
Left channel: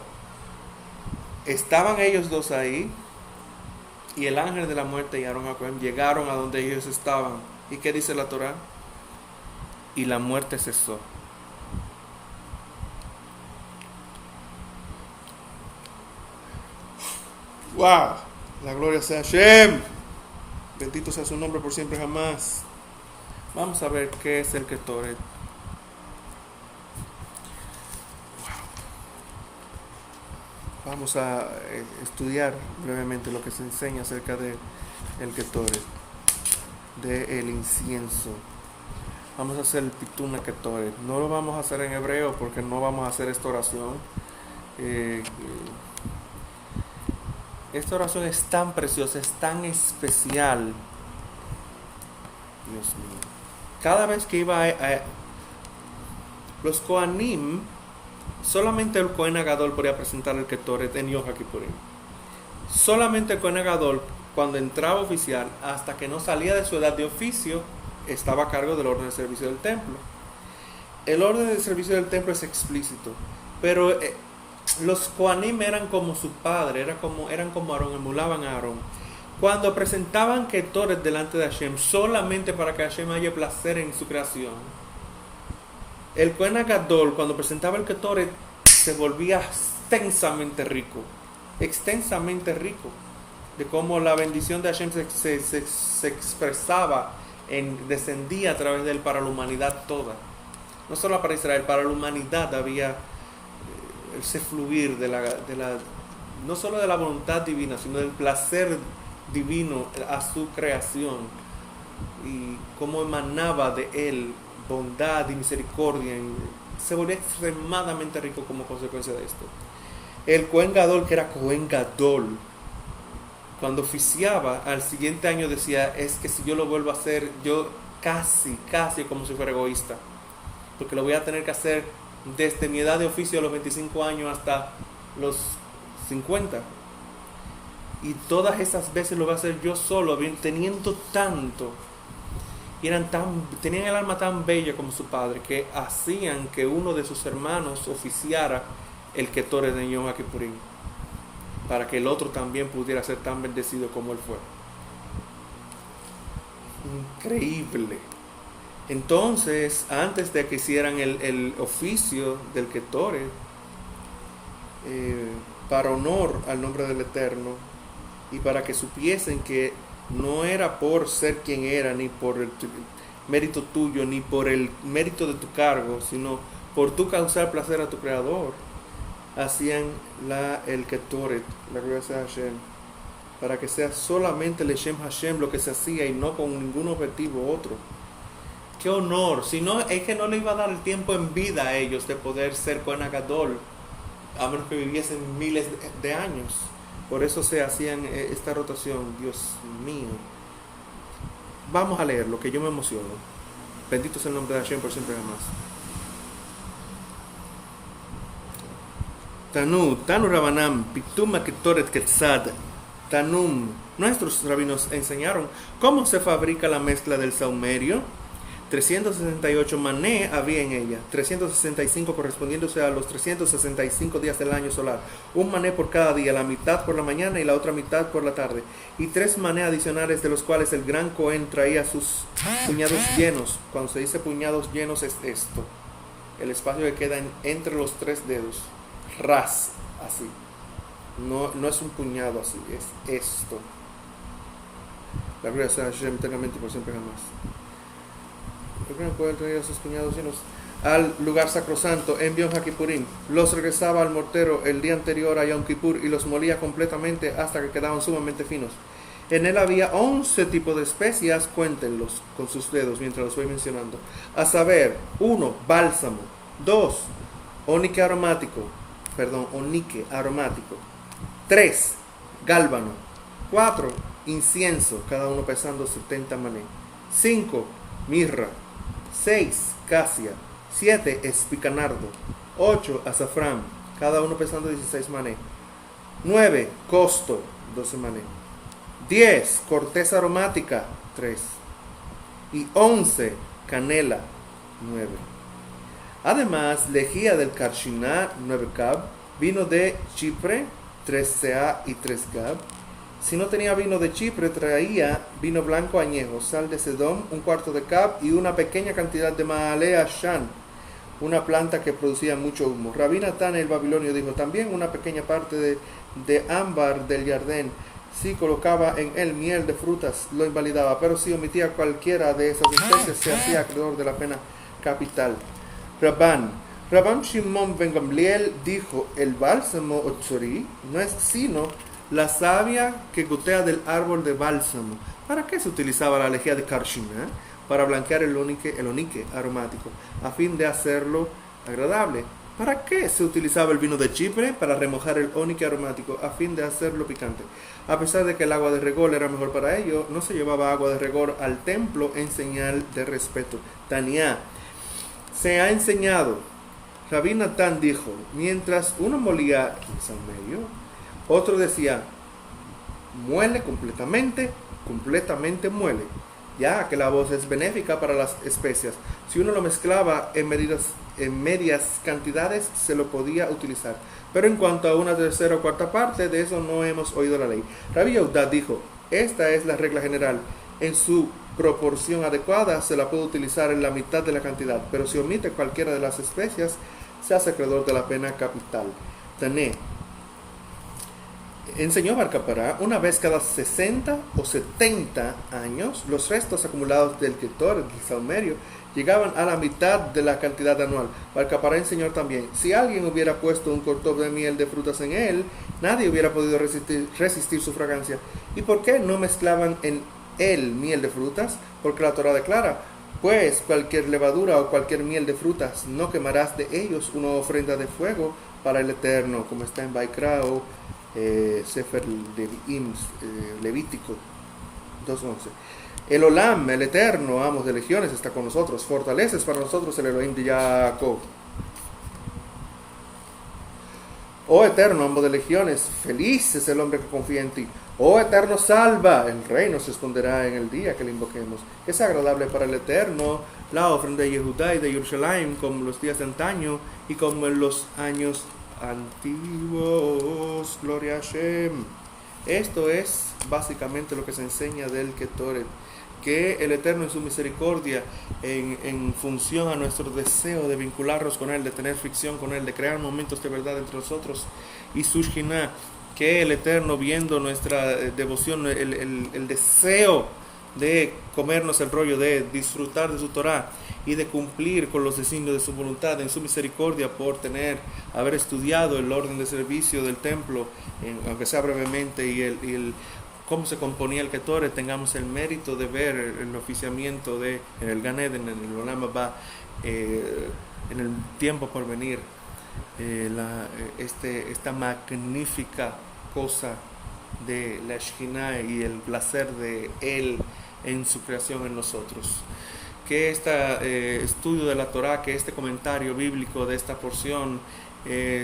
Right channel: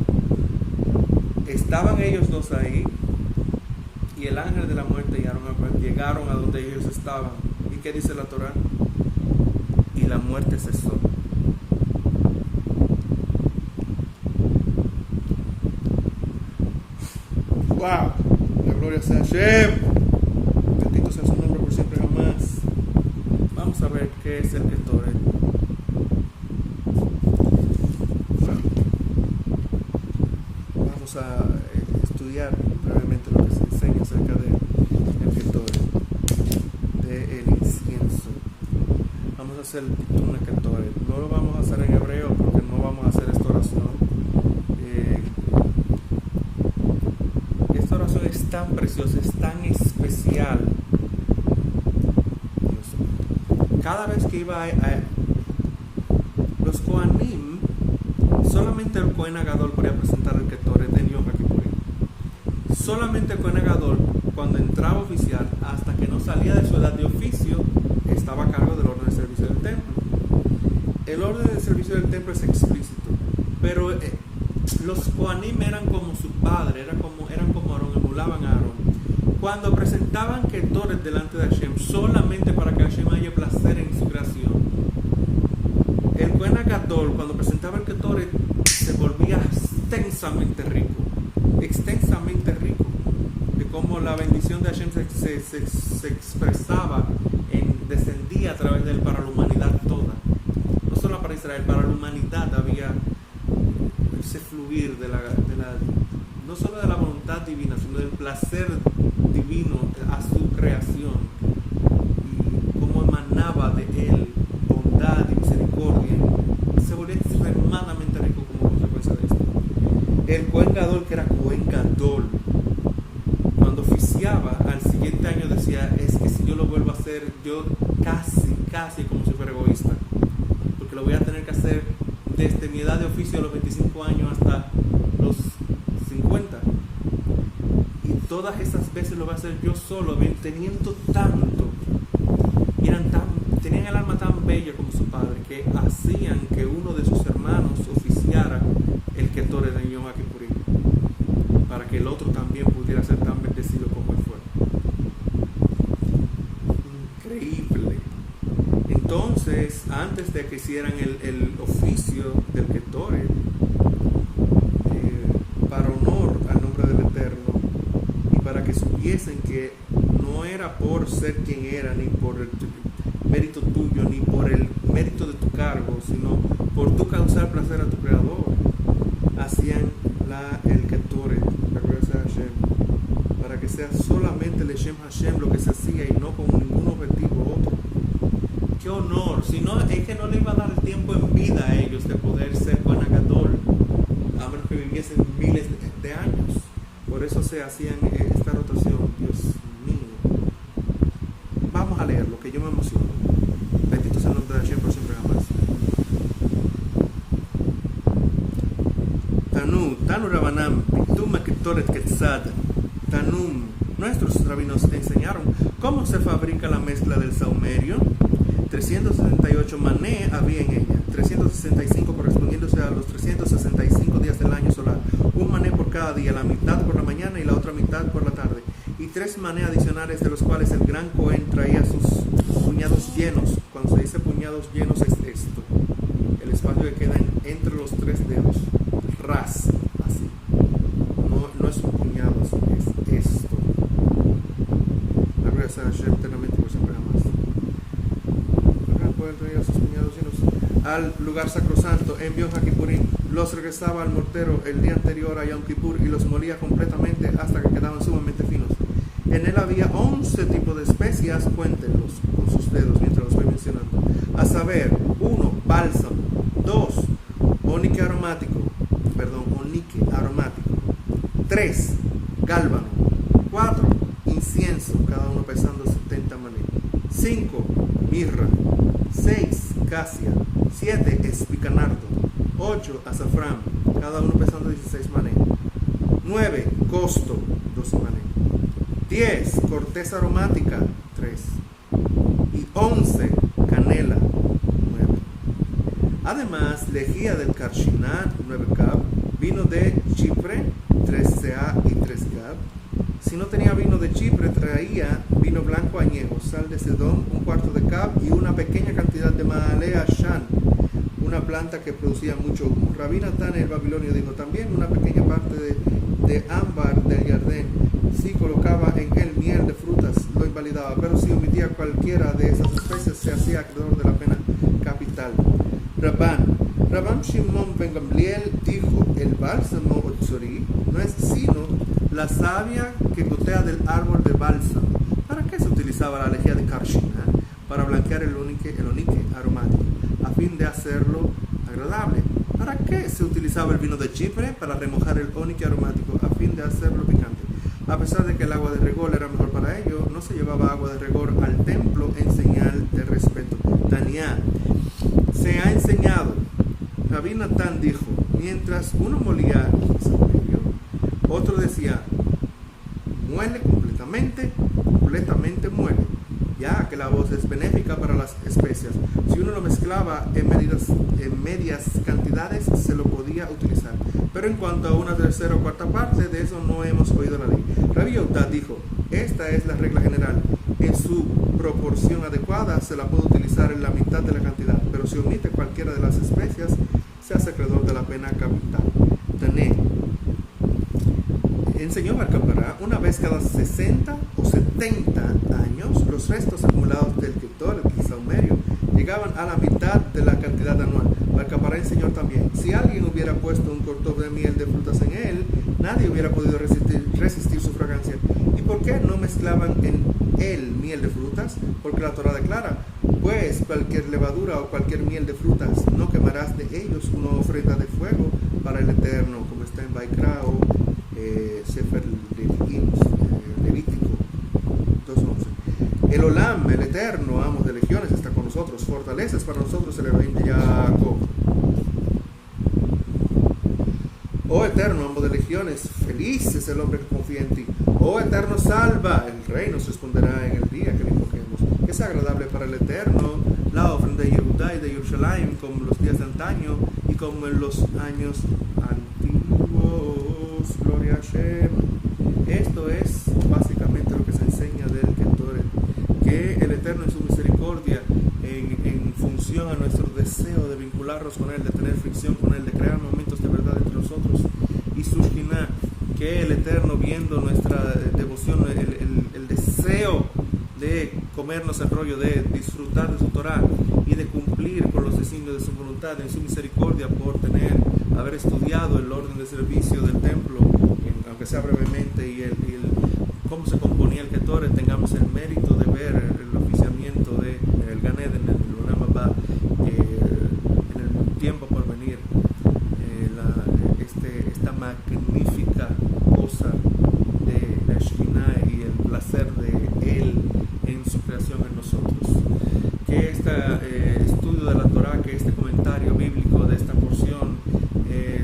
estaban ellos dos ahí, y el ángel de la muerte y Aarón a Cohen llegaron a donde ellos estaban. ¿Y qué dice la Torá? Y la muerte cesó. ¡Wow! La gloria sea Hashem. Bendito sea su nombre por siempre jamás. Vamos a ver qué es el Ketoret. Vamos a estudiar brevemente lo que se enseña acerca de el Ketoret, de el incienso. Vamos a hacer el Pituna Ketoret. No lo vamos a hacer en hebreo porque no vamos a hacer esta oración. Esta oración es tan preciosa, es tan especial. Dios. Cada vez que iba a los Kohanim, solamente el Kohen Gadol podía presentar el Ketoret en Yom Kippurim. Solamente el Kohen Gadol, cuando entraba oficial, hasta que no salía de su edad de oficio, estaba a cargo del orden de servicio del templo. El orden de servicio del templo es explícito, pero los Kohanim eran como su padre, eran como Aarón, emulaban a Aarón. Cuando presentaban Ketoret delante de Hashem, solamente para que Hashem haya placer en su creación, el Kohen Gadol, cuando presentaba el Ketoret, se volvía extensamente rico, de cómo la bendición de Hashem se expresaba, descendía a través de él para la humanidad toda. No solo para Israel, para la humanidad había ese fluir no solo de la voluntad divina, sino del placer divino a su creación, y cómo emanaba de él bondad y misericordia se volvía extremadamente rico como consecuencia de esto. El Cohen Gadol, que era Cohen Gadol, cuando oficiaba al siguiente año decía, es que si yo lo vuelvo a hacer, yo casi como si fuera egoísta, porque lo voy a tener que hacer desde mi edad de oficio a los 25 años hasta los 50. Y todas esas veces lo voy a hacer yo solo, teniendo tanto. Y tenían el alma tan bella como su padre, que hacían que uno de sus hermanos oficiara el Ketore de Yom Kippurim, para que el otro también pudiera ser tan bendecido como él fue. Increíble. Entonces, antes de que hicieran el oficio del Ketore, para honor al nombre del Eterno, y para que supiesen que no era por ser quien era, ni por el mérito tuyo, ni por el mérito de tu cargo, sino por tu causar placer a tu Creador, hacían el Ketoret, la gloria sea Hashem, para que sea solamente el Shem Hashem lo que se hacía y no con ningún objetivo otro. ¡Qué honor! Si no, es que no le iba a dar el tiempo en vida a ellos de poder ser Cohen Gadol, a menos que viviesen miles de años. Por eso se hacían esta rotación. Dios mío. Vamos a leerlo, que yo me emociono. Bendito sea el nombre de Hashem por siempre jamás. Tanu Rabanam, Pitum Ketoret Ketzad, Tanum. Nuestros rabinos enseñaron cómo se fabrica la mezcla del saumerio. 368 mané había en ella, 365 correspondiéndose a los 365 días del año solar, un mané por cada día, la mitad por la mañana y la otra mitad por la tarde, y 3 mané adicionales, de los cuales el gran Cohen traía sus puñados llenos. Cuando se dice puñados llenos es esto, el espacio que queda entre los 3 dedos, ras, así, no es un puñado así, es esto. La gloria sea Hashem eternamente por siempre jamás. Pueden traer a sus puñados llenos al lugar sacrosanto en Yom Kippurim. Los regresaba al mortero el día anterior a Yom Kippur y los molía completamente hasta que quedaban sumamente finos. En él había 11 tipos de especias, cuéntenlos con sus dedos mientras los voy mencionando. A saber, 1, bálsamo, 2, onique aromático, 3, gálbano, 4, incienso, cada uno pesando 70 mané, 5, mirra, 6, casia, 7, espicanardo, 8, azafrán, cada uno pesando 16 mané, 9, costo, 12 mané, 10, corteza aromática, 3, y 11, canela, 9. Además, lejía del Karshiná, 9 cab, vino de Chipre, 3 ca y 3 gab. Si no tenía vino de Chipre, traía vino blanco añejo, sal de Sedón, 1/4 de cab y una pequeña cantidad de Maalea Shan, una planta que producía mucho humo. Rabí Natán el babilonio dijo también una pequeña parte de ámbar del Yardén. Si colocaba en él miel de frutas, lo invalidaba, pero si omitía cualquiera de esas especies, se hacía acreedor de la pena capital. Rabban Shimon ben Gamliel dijo, el bálsamo otzori no es sino la savia que gotea del árbol de bálsamo. ¿Para qué se utilizaba la lejía de Karshiná? Para blanquear el onique aromático, a fin de hacerlo agradable. ¿Para qué se utilizaba el vino de Chipre? Para remojar el onique aromático, a fin de hacerlo picante. A pesar de que el agua de regor era mejor para ello, no se llevaba agua de regor al templo en señal de respeto. Tania, se ha enseñado, Rabí Natán dijo, mientras uno molía saumerio, otro decía, muele completamente muele, ya que la voz es benéfica para las especias. Si uno lo mezclaba en medias cantidades, se lo podía utilizar. Pero en cuanto a una tercera o cuarta parte, de eso no hemos oído la ley. Rabbi Yehuda dijo, esta es la regla general. En su proporción adecuada, se la puede utilizar en la mitad de la cantidad, pero si omite cualquiera de las especias, se hace acreedor de la pena capital. Tané. Enseñó Bar Kappara, una vez cada 60 o 70 años, los restos acumulados del Ketor, el saumerio, llegaban a la mitad de la cantidad anual. Bar Kappara enseñó también, si alguien hubiera puesto un cortón de miel de frutas en él, nadie hubiera podido resistir su fragancia. ¿Y por qué no mezclaban en el miel de frutas, porque la Torah declara, pues cualquier levadura o cualquier miel de frutas no quemarás de ellos una ofrenda de fuego para el Eterno, como está en Baikra o Sefer Levítico 2:11. El Olam, el Eterno, amo de legiones, está con nosotros, fortaleces para nosotros el Elohim de Jacob. Oh Eterno, amo de legiones, feliz es el hombre que confía en ti. Oh Eterno, salva, el rey nos responderá en el día que le invoquemos. Es agradable para el Eterno la ofrenda de Yehudá y de Jerusalén, como los días de antaño y como en los años antiguos. Gloria a Hashem. Esto es básicamente lo que se enseña del Ketoret, que el Eterno en su misericordia, en función a nuestro deseo de vincularnos con Él, de tener fricción con Él, de crear momentos de verdad entre nosotros, y su Shekhinah, que el Eterno, viendo nuestra devoción, el deseo de comernos el rollo, de disfrutar de su Torah y de cumplir con los designios de su voluntad, en su misericordia por haber estudiado el orden de servicio del templo, aunque sea brevemente, y cómo se componía el Ketoret, tengamos el mérito de ver el oficiamiento en el Gan Eden, en el Olam Haba, en el tiempo por venir, esta magnífica cosa de la Shekhinah y el placer de Él en su creación en nosotros. Que este estudio de la Torah, que este comentario bíblico de esta porción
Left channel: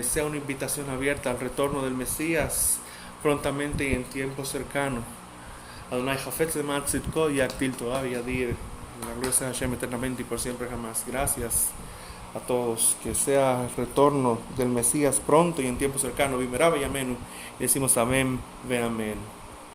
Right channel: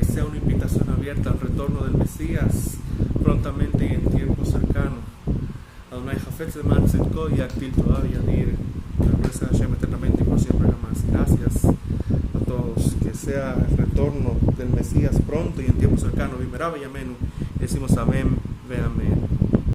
sea una invitación abierta al retorno del Mesías prontamente y en tiempo cercano. Adonai Jafetz Leman Tzidko y Aktil Torah Yadir. La gloria sea Hashem eternamente y por siempre jamás. Gracias a todos. Que sea el retorno del Mesías pronto y en tiempo cercano. Vimerá Yamenu. Decimos amén, ve amén.